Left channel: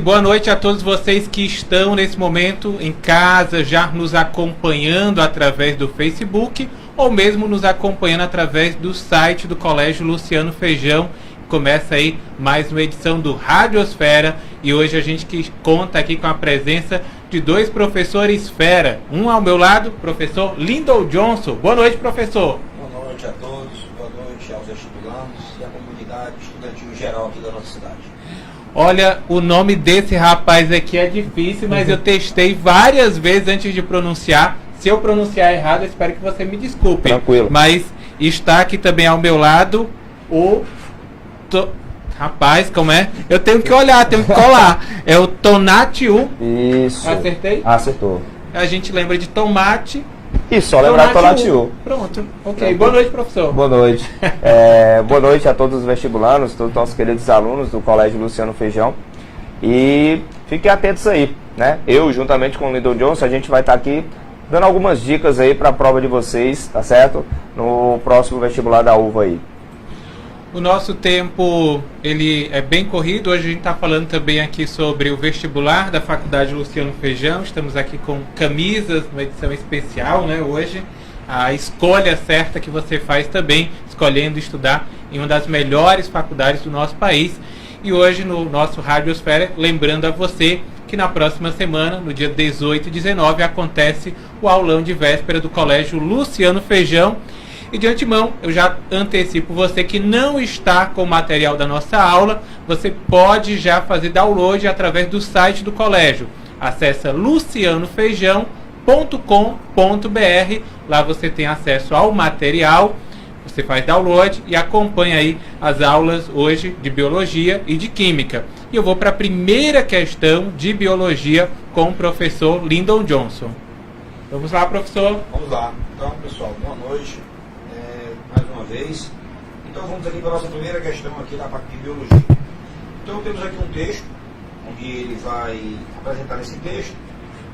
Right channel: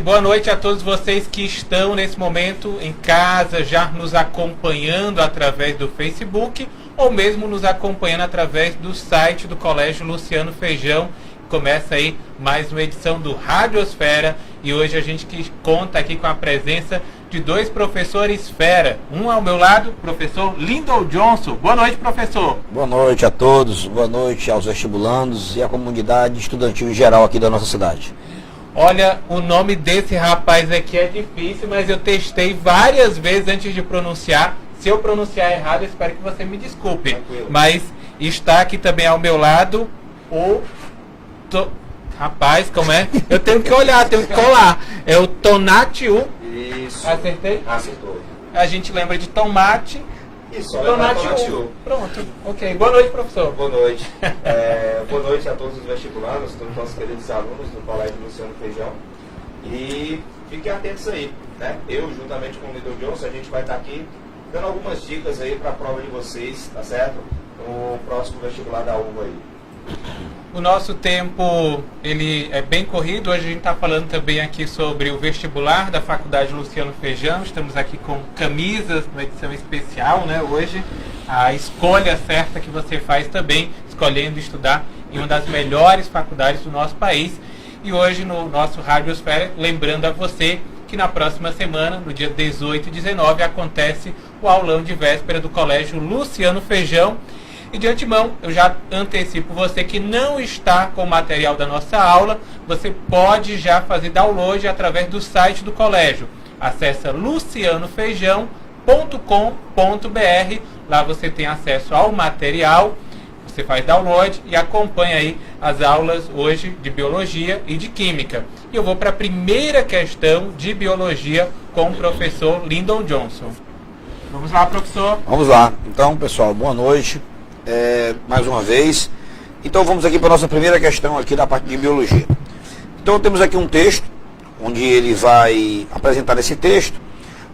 boa noite a todos vocês que estão nesse momento em casa, já nos acompanhando através do Facebook ou mesmo nos acompanhando através do site do Colégio Luciano Feijão. Começa aí mais uma edição do Radiosfera e hoje a gente conta aqui com a presença de dois professores fera. Um ao meu lado, professor Lyndon Johnson. Boa noite, professor. Boa noite a todos, boa noite aos vestibulandos e à comunidade estudantil em geral aqui da nossa cidade. Olha, o nome desse rapaz aqui é difícil, mas eu testei várias vezes antes de pronunciar. Se eu pronunciar errado, eu espero que você me desculpe. Tranquilo. Mas está aqui também ao meu lado o... Rapaz, como é? Eu tenho que olhar, tenho que colar. É o Tonatiuh. Isso. Acertei? Acertou. A gente lembra de tomate. E só lembrar Tonatiuh. Pronto. Ok. Boa noite, professor. Boa noite. Boa noite a todos os vestibulandos, todos os nossos queridos alunos do Colégio Luciano Feijão. E fiquem atentos aí, né? Eu, juntamente com o Lyndon Johnson, a gente vai estar aqui dando algumas dicas aí para a prova de vocês, tá certo? No próximo vestibular da UVA aí. O nosso tempo, ele é bem corrido. Hoje a gente está falando também aqui sobre o vestibular da Faculdade Luciano Feijão. Estamos aqui com camisas, uma edição especial, né? Hoje, a escolha certa que você faz também, escolhendo estudar em uma das melhores faculdades do nosso país. E hoje, no nosso Radiosfera, lembrando a você que na próxima semana, no dia 18 e 19, acontece o aulão de véspera do Colégio Luciano Feijão. E de antemão, eu já antecipo você que não está com o material da nossa aula, você pode já fazer download através do site do colégio. Acesse lucianofeijão.com.br, lá você tem acesso ao material, você faz download e acompanha aí as aulas hoje de Biologia e de Química. E eu vou para a primeira questão de Biologia com o professor Lyndon Johnson. Vamos lá, professor. Vamos lá. Então, pessoal, boa noite. Mais uma vez. Então vamos aqui para a nossa primeira questão aqui da parte de biologia. Então temos aqui um texto, onde ele vai apresentar nesse texto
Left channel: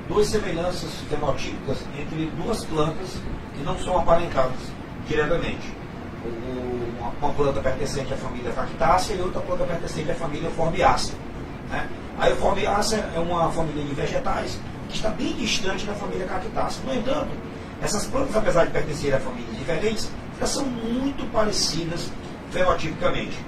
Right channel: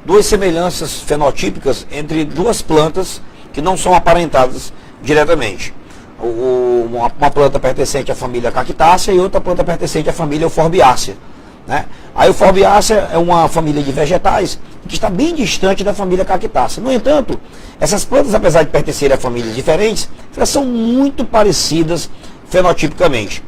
duas semelhanças fenotípicas entre duas plantas que não são aparentadas diretamente. Uma planta pertencente à família Cactácea e outra planta pertencente à família Euphorbiaceae, né? A Euphorbiaceae é uma família de vegetais que está bem distante da família Cactácea. No entanto, essas plantas, apesar de pertencerem a famílias diferentes, elas são muito parecidas fenotipicamente.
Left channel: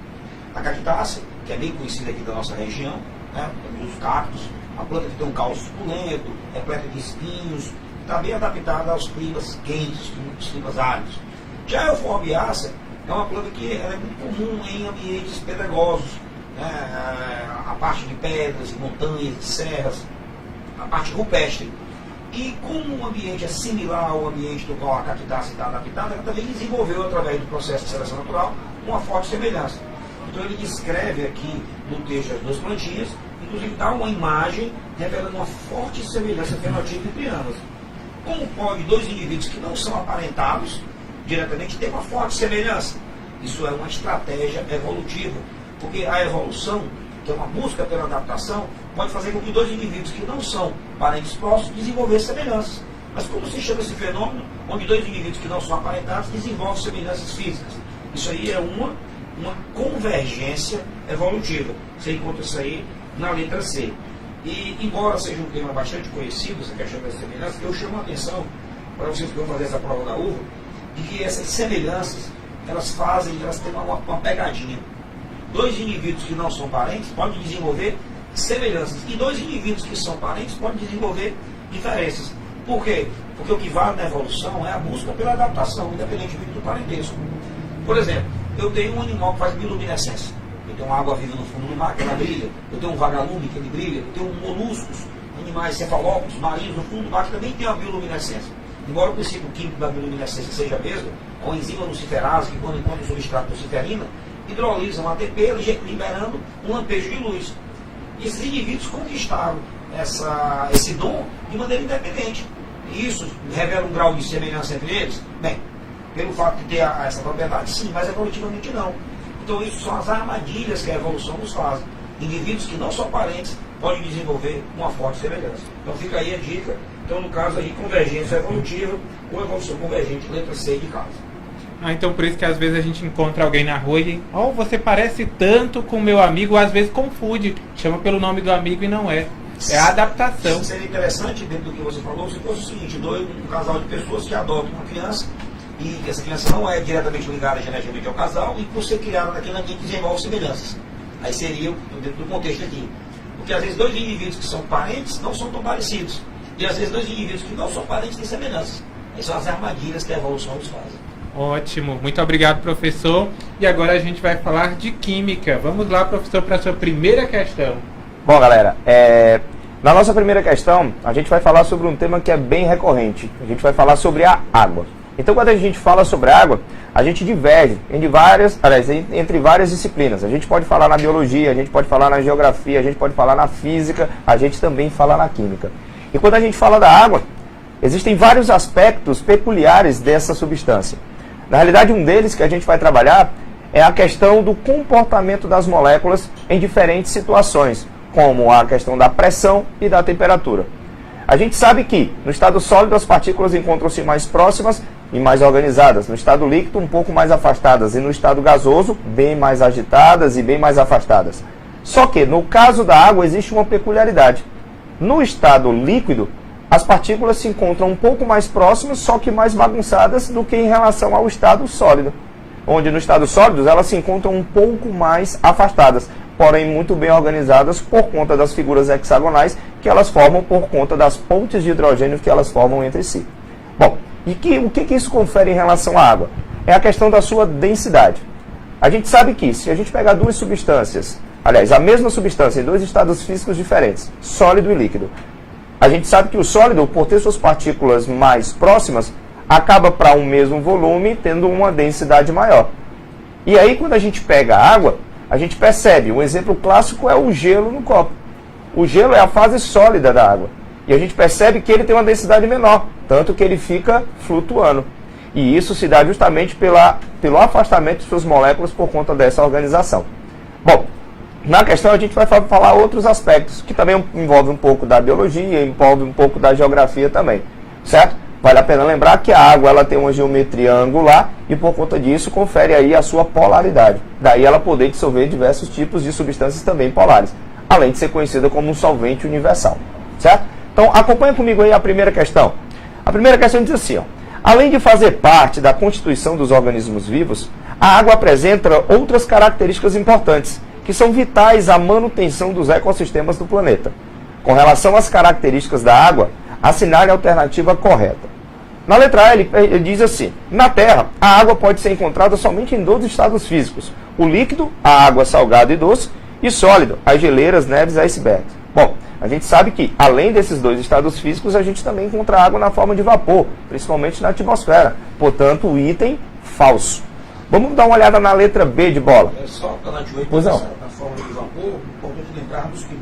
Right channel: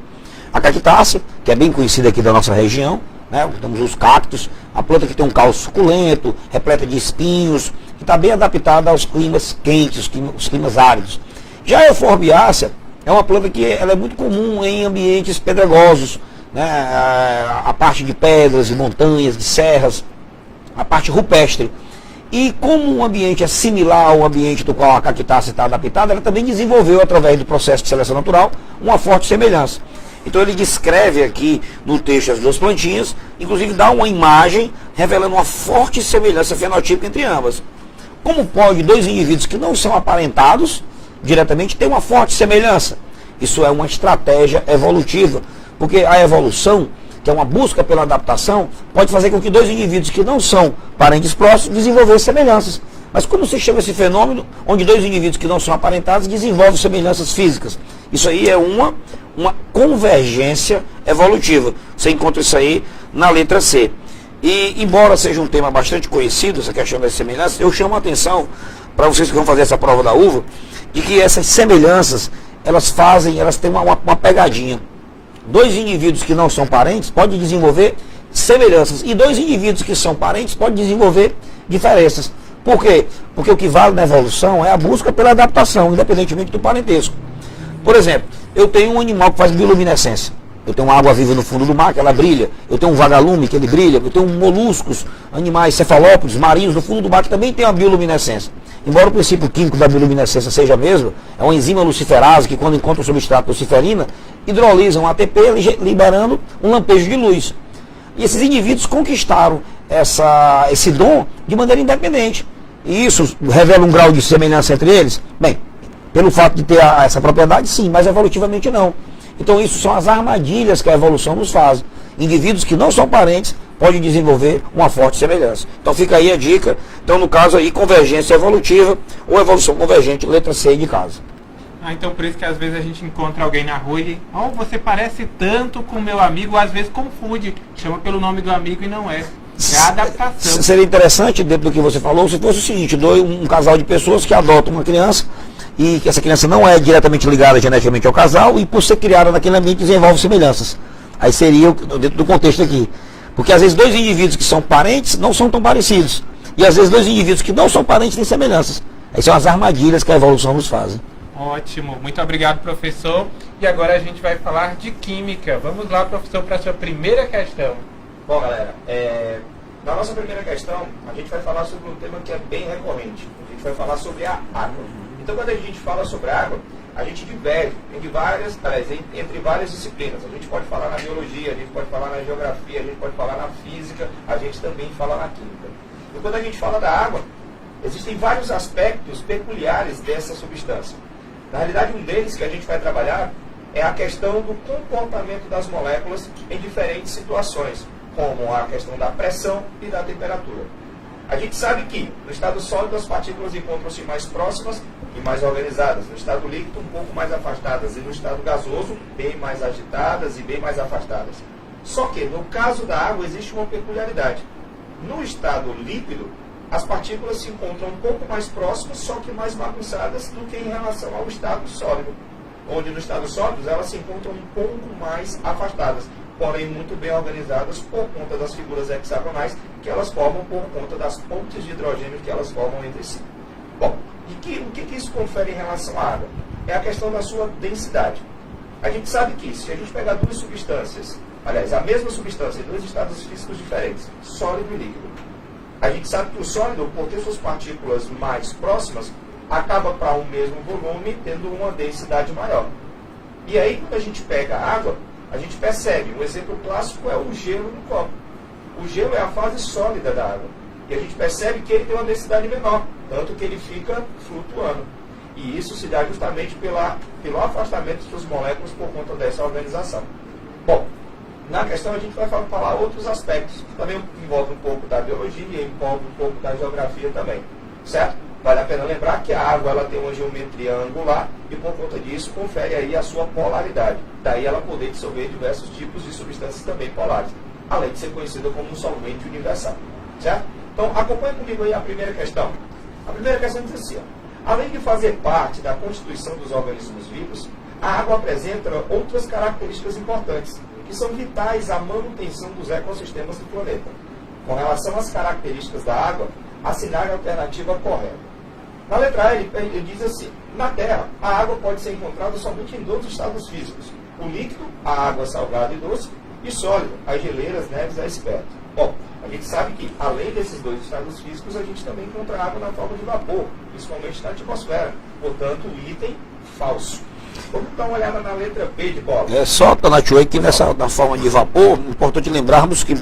A Cactácea, que é bem conhecida aqui da nossa região, né? Temos os cactos, a planta que tem um caule suculento, repleta de espinhos, que está bem adaptada aos climas quentes, os climas áridos. Já a Euphorbiaceae é uma planta que ela é muito comum em ambientes pedregosos, né? A parte de pedras, de montanhas, de serras, a parte rupestre. E como o ambiente é similar ao ambiente do qual a Cactácea está adaptada, ela também desenvolveu, através do processo de seleção natural, uma forte semelhança. Então ele descreve aqui no texto as duas plantinhas, inclusive dá uma imagem revelando uma forte semelhança fenotípica entre ambas. Como pode dois indivíduos que não são aparentados diretamente ter uma forte semelhança? Isso é uma estratégia evolutiva, porque a evolução, que é uma busca pela adaptação, pode fazer com que dois indivíduos que não são parentes próximos desenvolvam semelhanças. Mas como se chama esse fenômeno onde dois indivíduos que não são aparentados desenvolvem semelhanças físicas? Isso aí é uma convergência evolutiva. Você encontra isso aí na letra C. E embora seja um tema bastante conhecido, essa questão das semelhanças, eu chamo a atenção para vocês que vão fazer essa prova da uva, de que essas semelhanças, elas têm uma pegadinha. Dois indivíduos que não são parentes podem desenvolver semelhanças. E dois indivíduos que são parentes podem desenvolver diferenças. Por quê? Porque o que vale na evolução é a busca pela adaptação, independentemente do parentesco. Por exemplo, eu tenho um animal que faz bioluminescência. Eu tenho uma água viva no fundo do mar, que ela brilha. Eu tenho um vagalume, que ele brilha. Eu tenho moluscos, animais cefalópodes, marinhos no fundo do mar, que também tem a bioluminescência. Embora o princípio químico da bioluminescência seja mesmo, é uma enzima luciferase que, quando encontra o substrato luciferina, hidrolisa um ATP, liberando um lampejo de luz. E esses indivíduos conquistaram esse dom de maneira independente. E isso revela um grau de semelhança entre eles? Bem, pelo fato de ter essa propriedade, sim, mas evolutivamente não. Então isso são as armadilhas que a evolução nos faz. Indivíduos que não são parentes podem desenvolver uma forte semelhança. Então fica aí a dica. Então no caso aí, convergência evolutiva ou evolução convergente, letra C de casa. Ah, então por isso que às vezes a gente encontra alguém na rua e você parece tanto com meu amigo, ou às vezes confunde, chama pelo nome do amigo e não é. É a adaptação. Seria interessante, dentro do que você falou, se fosse o seguinte, um casal de pessoas que adotam uma criança e que essa criança não é diretamente ligada geneticamente ao casal e por ser criada naquele ambiente desenvolve semelhanças. Aí seria dentro do contexto aqui. Porque às vezes dois indivíduos que são parentes não são tão parecidos. E às vezes dois indivíduos que não são parentes têm semelhanças. Aí são as armadilhas que a evolução nos faz. Ótimo, muito obrigado, professor. E agora a gente vai falar de química. Vamos lá, professor, para a sua primeira questão. Bom, galera, na nossa primeira questão, a gente vai falar sobre um tema que é bem recorrente. A gente vai falar sobre a água. Então, quando a gente fala sobre água, a gente diverge entre várias disciplinas. A gente pode falar na biologia, a gente pode falar na geografia, a gente pode falar na física, a gente também fala na química. E quando a gente fala da água, existem vários aspectos peculiares dessa substância. Na realidade, um deles que a gente vai trabalhar é a questão do comportamento das moléculas em diferentes situações, como a questão da pressão e da temperatura. A gente sabe que no estado sólido as partículas encontram-se mais próximas e mais organizadas, no estado líquido um pouco mais afastadas e no estado gasoso bem mais agitadas e bem mais afastadas. Só que no caso da água existe uma peculiaridade. No estado líquido as partículas se encontram um pouco mais próximas, só que mais bagunçadas do que em relação ao estado sólido, onde no estado sólido elas se encontram um pouco mais afastadas, porém muito bem organizadas por conta das figuras hexagonais que elas formam por conta das pontes de hidrogênio que elas formam entre si. Bom, e o que isso confere em relação à água? É a questão da sua densidade. A gente sabe que se a gente pegar duas substâncias, aliás, a mesma substância em dois estados físicos diferentes, sólido e líquido, a gente sabe que o sólido, por ter suas partículas mais próximas, acaba para um mesmo volume tendo uma densidade maior. E aí, quando a gente pega a água, a gente percebe, um exemplo clássico é o gelo no copo. O gelo é a fase sólida da água. E a gente percebe que ele tem uma densidade menor, tanto que ele fica flutuando. E isso se dá justamente pelo afastamento de suas moléculas por conta dessa organização. Bom, na questão a gente vai falar outros aspectos, que também envolve um pouco da biologia, envolve um pouco da geografia também, certo? Vale a pena lembrar que a água ela tem uma geometria angular e por conta disso confere aí a sua polaridade. Daí ela poder dissolver diversos tipos de substâncias também polares, além de ser conhecida como um solvente universal, certo? Então acompanha comigo aí a primeira questão. A primeira questão diz assim, ó, além de fazer parte da constituição dos organismos vivos, a água apresenta outras características importantes, que são vitais à manutenção dos ecossistemas do planeta. Com relação às características da água, assinale a alternativa correta. Na letra A, ele diz assim, na Terra, a água pode ser encontrada somente em dois estados físicos, o líquido, a água salgada e doce, e sólido, as geleiras, neves e icebergs. Bom, a gente sabe que, além desses dois estados físicos, a gente também encontra água na forma de vapor, principalmente na atmosfera, portanto, o item falso. Vamos dar uma olhada na letra B de bola. É só, Tonatiuh, que na forma de vapor, é importante lembrarmos que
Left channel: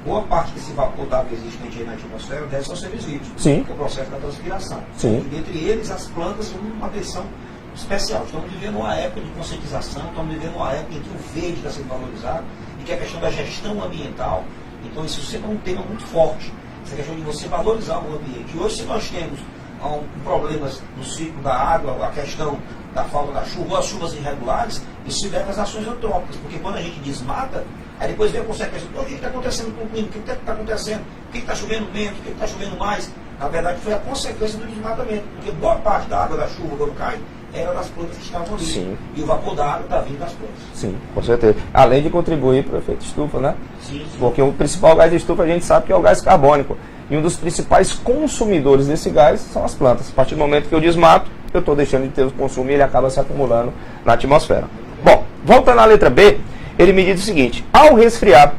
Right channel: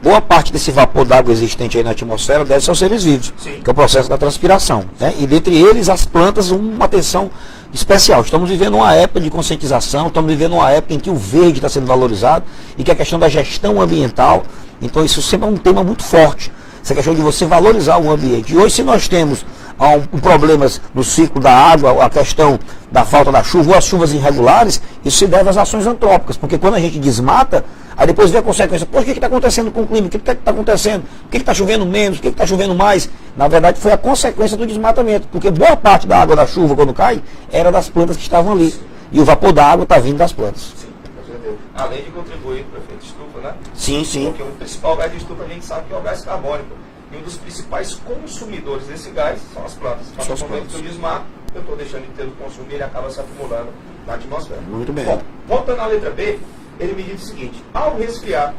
boa parte desse vapor d'água existente aí na atmosfera deve ser aos seres vivos, Sim. que é o processo da transpiração. Né? E dentre eles, as plantas, uma atenção especial. Estamos vivendo uma época de conscientização, estamos vivendo uma época em que o verde está sendo valorizado e que a questão da gestão ambiental, então isso sempre é um tema muito forte, essa questão de você valorizar o ambiente. E hoje, se nós temos problemas no ciclo da água, a questão da falta da chuva, ou as chuvas irregulares, isso se deve às ações antrópicas, porque quando a gente desmata, aí depois vem a consequência, pô, o que está acontecendo com o clima, o que está acontecendo, por que está chovendo menos, por que está chovendo mais? Na verdade foi a consequência do desmatamento, porque boa parte da água da chuva quando cai, era das plantas que estavam ali, Sim. E o vapor da água está vindo das plantas. Sim, com certeza. Além de contribuir para o efeito estufa, né? Sim, sim. Porque o principal gás de estufa a gente sabe que é o gás carbônico. E um dos principais consumidores desse gás são as plantas. A partir do momento que eu desmato, eu estou deixando de ter o consumo e ele acaba se acumulando na atmosfera. Muito bem. Bom, voltando à letra B, ele me diz o seguinte, ao resfriar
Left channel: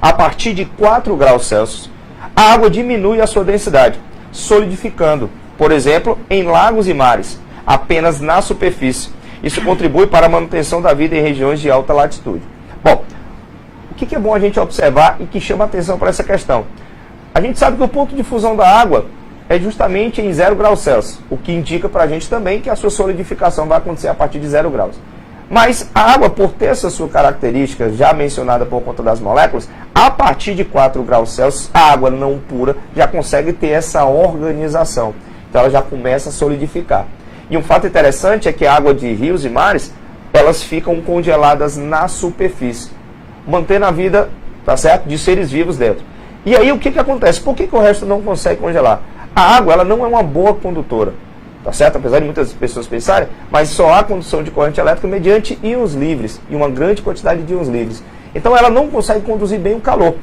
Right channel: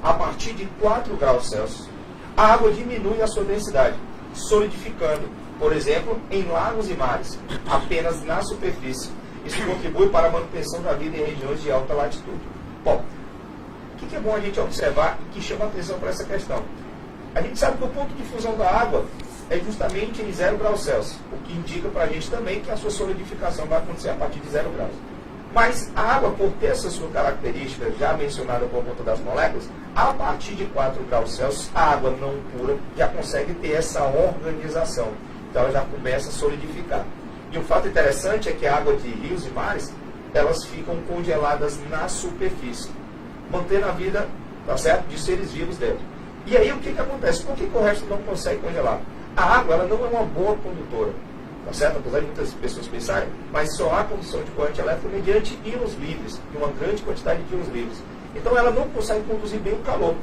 a partir de 4 graus Celsius, a água diminui a sua densidade, solidificando, por exemplo, em lagos e mares, apenas na superfície. Isso contribui para a manutenção da vida em regiões de alta latitude. Bom, o que é bom a gente observar e que chama a atenção para essa questão? A gente sabe que o ponto de fusão da água é justamente em 0 graus Celsius, o que indica para a gente também que a sua solidificação vai acontecer a partir de 0 graus. Mas a água, por ter essa sua característica já mencionada por conta das moléculas, a partir de 4 graus Celsius, a água não pura já consegue ter essa organização. Então ela já começa a solidificar. E um fato interessante é que a água de rios e mares, elas ficam congeladas na superfície, mantendo a vida, tá certo, de seres vivos dentro. E aí o que acontece? Por que o resto não consegue congelar? A água, ela não é uma boa condutora, tá certo? Apesar de muitas pessoas pensarem, mas só há condução de corrente elétrica mediante íons livres, e uma grande quantidade de íons livres. Então ela não consegue conduzir bem o calor.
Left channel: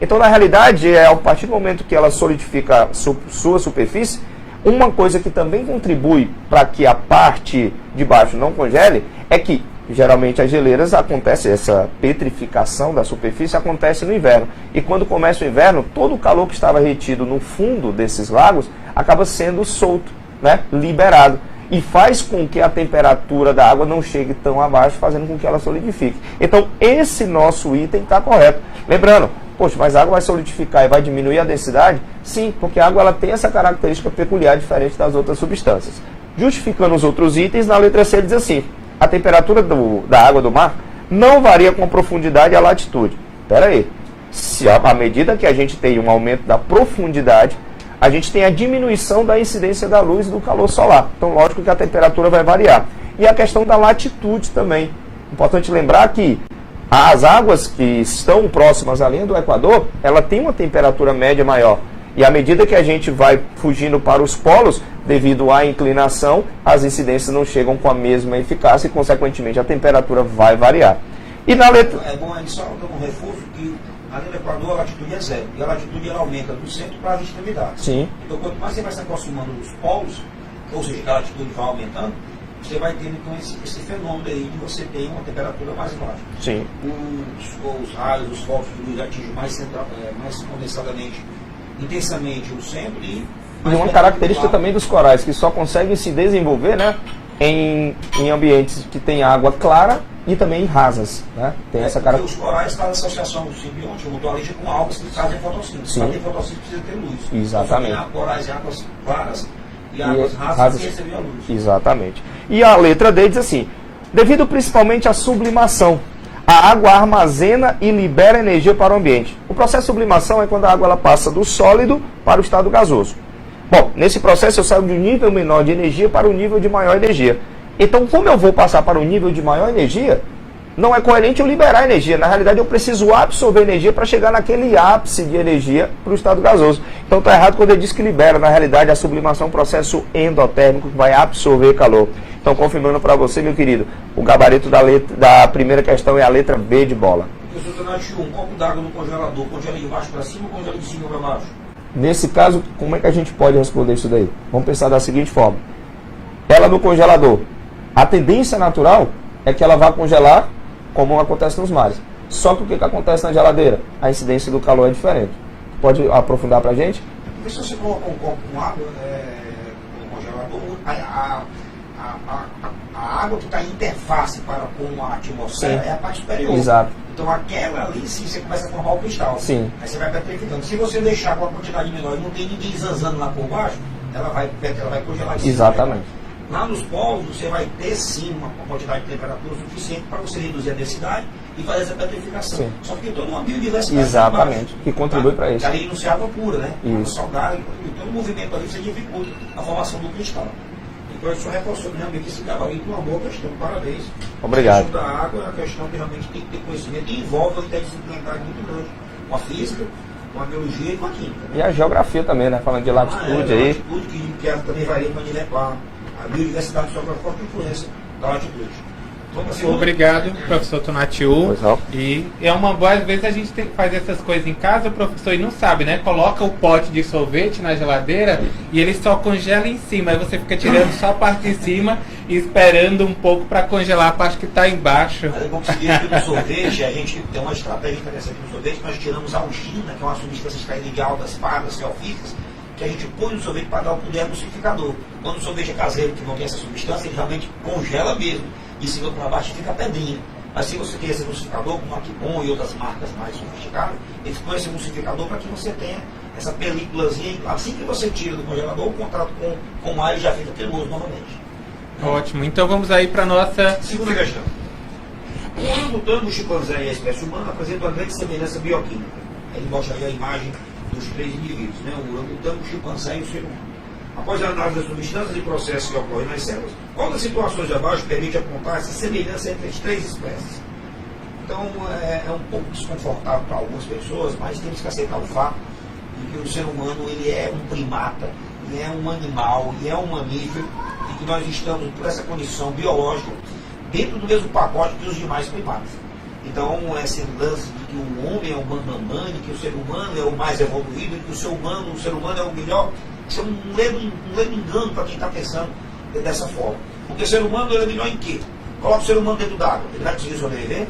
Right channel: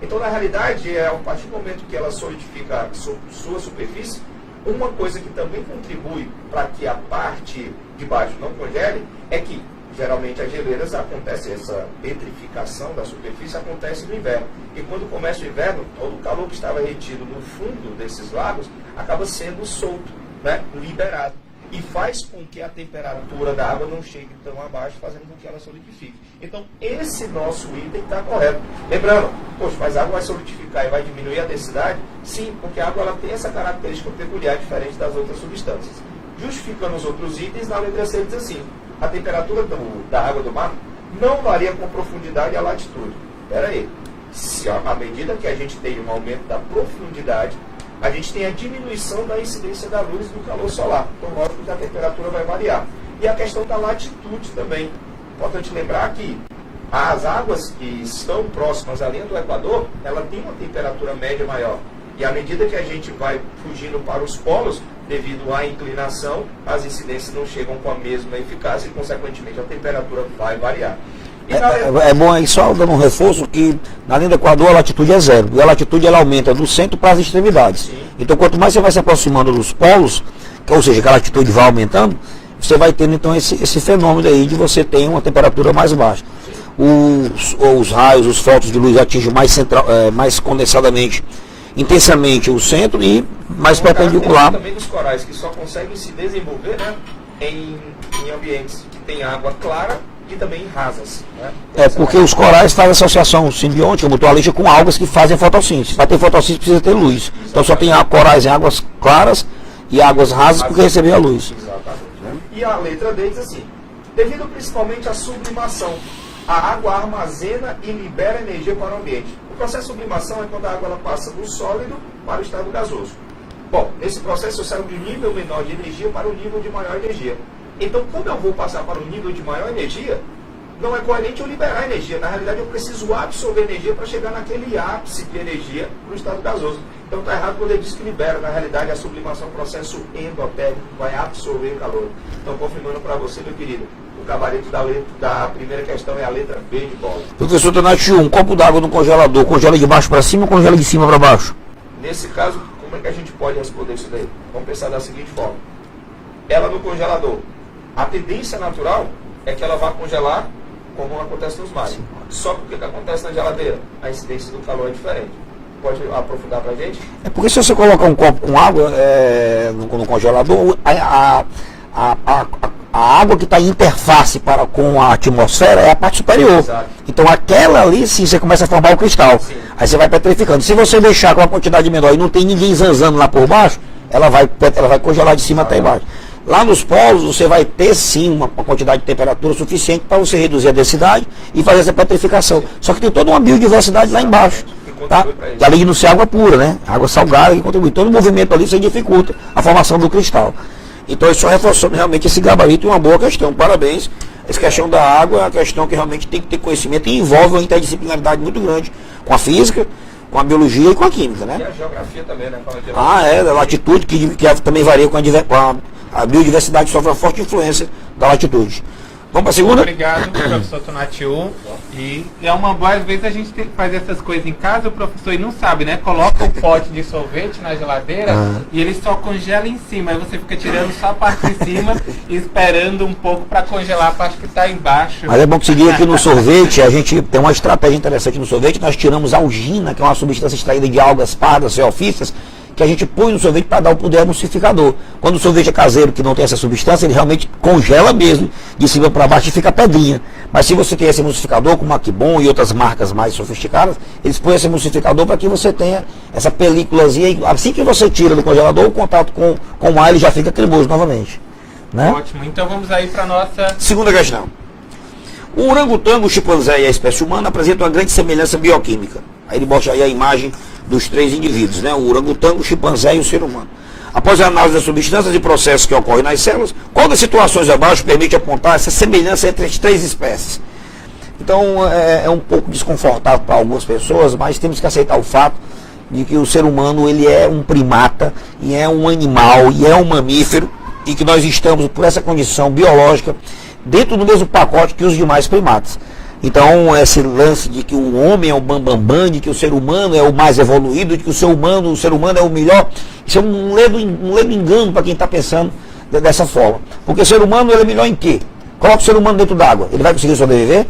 Então na realidade, a partir do momento que ela solidifica sua superfície, uma coisa que também contribui para que a parte de baixo não congele é que geralmente as geleiras acontece, essa petrificação da superfície acontece no inverno. E quando começa o inverno, todo o calor que estava retido no fundo desses lagos acaba sendo solto, né, liberado. E faz com que a temperatura da água não chegue tão abaixo, fazendo com que ela solidifique. Então, esse nosso item está correto. Lembrando, poxa, mas a água vai solidificar e vai diminuir a densidade? Sim, porque a água ela tem essa característica peculiar diferente das outras substâncias. Justificando os outros itens, na letra C diz assim: a temperatura da água do mar não varia com a profundidade e a latitude. Espera aí, se à medida que a gente tem um aumento da profundidade, a gente tem a diminuição da incidência da luz e do calor solar. Então, lógico que a temperatura vai variar. E a questão da latitude também. Importante lembrar que as águas que estão próximas à linha do Equador, ela tem uma temperatura média maior. E à medida que a gente vai fugindo para os polos, devido à inclinação, as incidências não chegam com a mesma eficácia e, consequentemente, a temperatura vai variar. E é bom aí só dando um reforço que na linha do Equador a latitude é zero. E a latitude ela aumenta do centro para as extremidades. Sim. Então quanto mais você vai se aproximando dos polos, ou seja, que a latitude vai aumentando, você vai tendo então esse fenômeno aí de você ter uma temperatura mais baixa. Sim. Os raios, os fótons de luz atingem mais condensadamente, intensamente o centro e mais perpendicular. Também dos corais, que só conseguem se desenvolver, né, em ambientes que tem água clara e também rasas. Né? Porque os corais fazem associação simbiótica, mutualista, com algas que fazem fotossíntese. Para ter fotossíntese precisa ter luz. Exatamente. Então só tem corais em águas claras e águas rasas porque receber a luz. Exatamente. Né? E a letra D diz assim: devido principalmente à sublimação, a água armazena e libera energia para o ambiente. O processo de sublimação é quando a água ela passa do sólido para o estado gasoso. Bom, nesse processo eu saio de um nível menor de energia para um nível de maior energia. Então, como eu vou passar para um nível de maior energia, não é coerente eu liberar energia. Na realidade, eu preciso absorver energia para chegar naquele ápice de energia para o estado gasoso. Então, está errado quando ele diz que libera. Na realidade, a sublimação é um processo endotérmico que vai absorver calor. Então, confirmando para você, meu querido, o gabarito da primeira questão é a letra B de bola. Professor Tonati, um copo d'água no congelador, congela de baixo para cima ou congela de cima para baixo? Nesse caso, como é que a gente pode responder isso daí? Vamos pensar da seguinte forma. Ela no congelador, a tendência natural é que ela vá congelar como acontece nos mares. Só que o que acontece na geladeira? A incidência do calor é diferente. Pode aprofundar para a gente? É porque se você colocar um copo com água no congelador, a água que está em interface com a atmosfera é a parte superior. Exato. Então aquela ali, sim, você começa a formar o cristal. Sim. Aí você vai petrificando. Se você deixar com uma quantidade menor e não tem ninguém zanzando lá por baixo, ela vai congelar de cima até embaixo. Lá nos polos você vai ter sim uma quantidade de temperatura suficiente para você reduzir a densidade e fazer essa petrificação. Sim. Só que tem toda uma biodiversidade lá embaixo. Que contribui para isso. Além de não ser água pura, né? Água salgada que contribui. Todo o movimento ali você dificulta a formação do cristal. Então isso só reforçando realmente esse gabarito e uma boa questão. Parabéns. Obrigado. Essa questão da água é uma questão que realmente tem que ter conhecimento e envolve uma interdisciplinaridade muito grande com a física, com a biologia e com a química, né? E a geografia também, né? Falando de latitude. Da latitude, que também varia com a biodiversidade, sofre uma forte influência da latitude. Vamos para a segunda? Obrigado, professor Tonatiuh. E é uma boa, às vezes a gente tem que fazer essas coisas em casa, o professor e não sabe, né? Coloca um pote de sorvete na geladeira e ele só congela em cima. Aí você fica tirando só a parte de cima e esperando um pouco para congelar a parte que está embaixo. Mas é bom que seguir aqui no sorvete, a gente tem uma estratégia interessante no sorvete. Nós tiramos a algina, que é uma substância extraída de algas pardas, ceofícias, que a gente põe no sorvete para dar o poder emulsificador. Quando o sorvete é caseiro, que não tem essa substância, ele realmente congela mesmo, de cima para baixo e fica pedrinha. Mas se você tem esse emulsificador, como a Kibon e outras marcas mais sofisticadas, eles põem esse emulsificador para que você tenha essa películazinha. Assim que você tira do congelador, o contato com o ar ele já fica cremoso novamente. Né? Ótimo, então vamos aí para a nossa segunda questão. O orangotango, o chimpanzé e a espécie humana apresentam uma grande semelhança bioquímica. Aí ele mostra aí a imagem dos três indivíduos, né? O orangotango, o chimpanzé e o ser humano. Após a análise das substâncias e processos que ocorrem nas células, qual das situações abaixo permite apontar essa semelhança entre as três espécies? Então é um pouco desconfortável para algumas pessoas, mas temos que aceitar o fato de que o ser humano ele é um primata, e é um animal, e é um mamífero, e que nós estamos, por essa condição biológica, dentro do mesmo pacote que os demais primatas. Então, esse lance de que o homem é o bambambam, de que o ser humano é o mais evoluído, de que o ser humano é o melhor, isso é um ledo engano para quem está pensando dessa forma. Porque o ser humano ele é melhor em quê? Coloca o ser humano dentro d'água, ele vai conseguir sobreviver?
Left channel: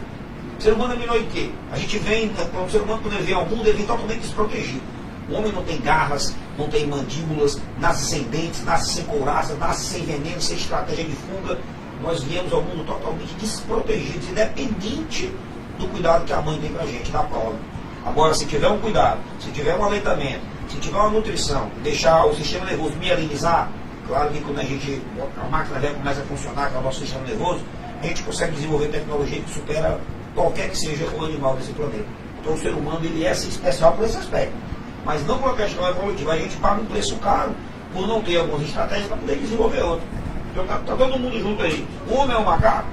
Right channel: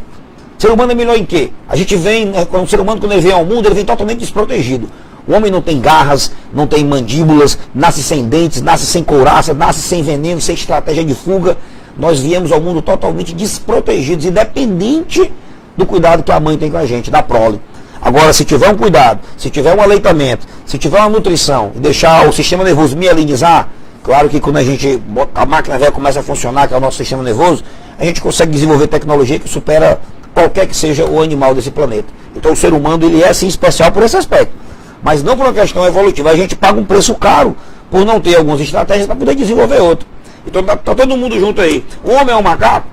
O ser humano é melhor em quê? A gente vem, o ser humano quando ele vem ao mundo, ele vem totalmente desprotegido. O homem não tem garras, não tem mandíbulas, nasce sem dentes, nasce sem couraça, nasce sem veneno, sem estratégia de fuga. Nós viemos ao mundo totalmente desprotegidos, independente do cuidado que a mãe tem com a gente, da prole. Agora, se tiver um cuidado, se tiver um aleitamento, se tiver uma nutrição, e deixar o sistema nervoso mielinizar, claro que quando a máquina velha começa a funcionar, que é o nosso sistema nervoso, a gente consegue desenvolver tecnologia que supera qualquer que seja o animal desse planeta. Então o ser humano ele é sim especial por esse aspecto, mas não por uma questão evolutiva. A gente paga um preço caro por não ter algumas estratégias para poder desenvolver outro. Então tá todo mundo junto aí. O homem é um macaco?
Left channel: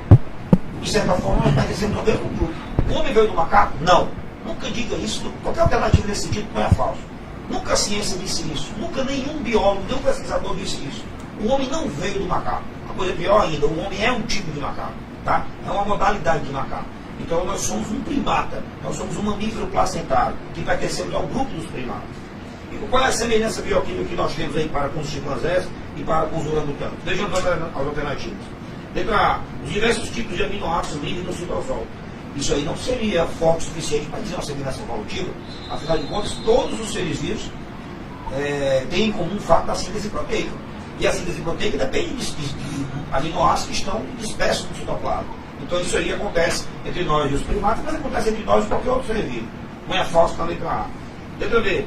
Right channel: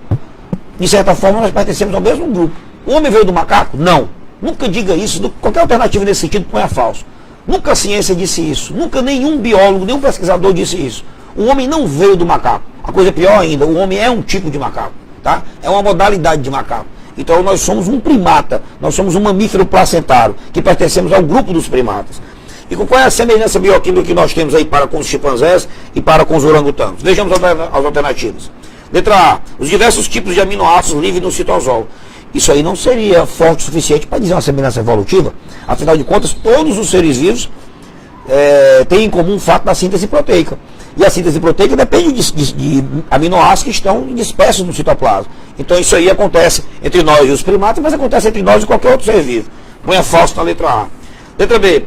De certa forma nós pertencemos ao mesmo grupo. O homem veio do macaco? Não. Nunca diga isso. Qualquer alternativa nesse sentido põe a falso. Nunca a ciência disse isso. Nunca nenhum biólogo, nenhum pesquisador disse isso. O homem não veio do macaco. A coisa pior ainda, o homem é um tipo de macaco. Tá? É uma modalidade de macaco. Então nós somos um primata. Nós somos um mamífero placentário, que pertencemos ao grupo dos primatas. E qual é a semelhança bioquímica que nós temos aí para com os chimpanzés e para com os orangotangos? Vejamos as alternativas. Letra A. Os diversos tipos de aminoácidos livres no citosol. Isso aí não seria forte o suficiente para dizer uma semelhança evolutiva. Afinal de contas, todos os seres vivos têm em comum o fato da síntese proteica. E a síntese proteica depende de aminoácidos que estão dispersos no citoplasma. Então isso aí acontece entre nós e os primatas, mas acontece entre nós e qualquer outro ser vivo. Põe a falso na letra A. Letra B.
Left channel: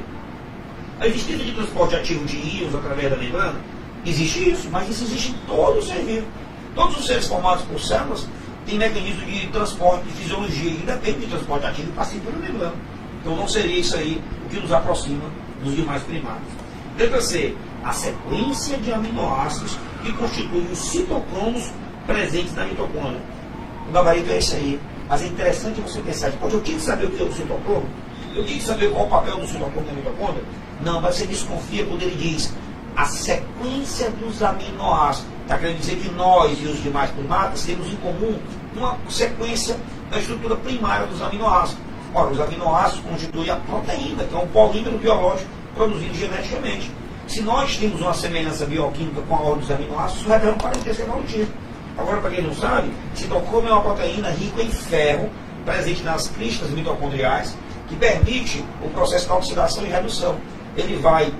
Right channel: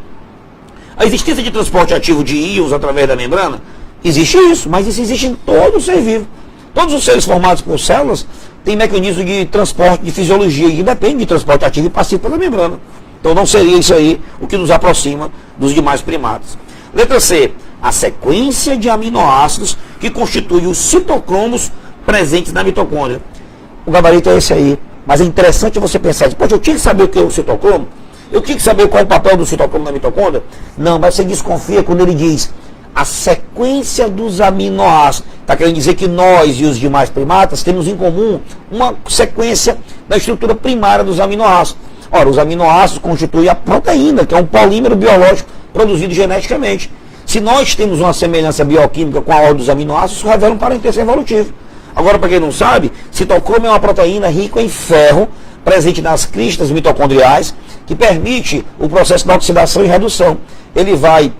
A existência de transporte ativo de íons através da membrana? Existe isso, mas isso existe em todo ser vivo. Todos os seres formados por células têm mecanismo de transporte, de fisiologia, que depende de transporte ativo e passivo pela membrana. Então não seria isso aí o que nos aproxima dos demais primatas. Letra C. A sequência de aminoácidos que constitui os citocromos presentes na mitocôndria. O gabarito é esse aí. Mas é interessante você pensar, poxa, eu tinha que saber o que é o citocromo? Eu tinha que saber qual é o papel do citocromo na mitocôndria? Não, mas você desconfia quando ele diz a sequência dos aminoácidos. Está querendo dizer que nós e os demais primatas temos em comum uma sequência da estrutura primária dos aminoácidos. Ora, os aminoácidos constituem a proteína, que é um polímero biológico produzido geneticamente. Se nós temos uma semelhança bioquímica com a ordem dos aminoácidos, isso revela um parentesco evolutivo. Agora, para quem não sabe, citocromo é uma proteína rica em ferro, presente nas cristas mitocondriais, que permite o processo de oxidação e redução. Ele vai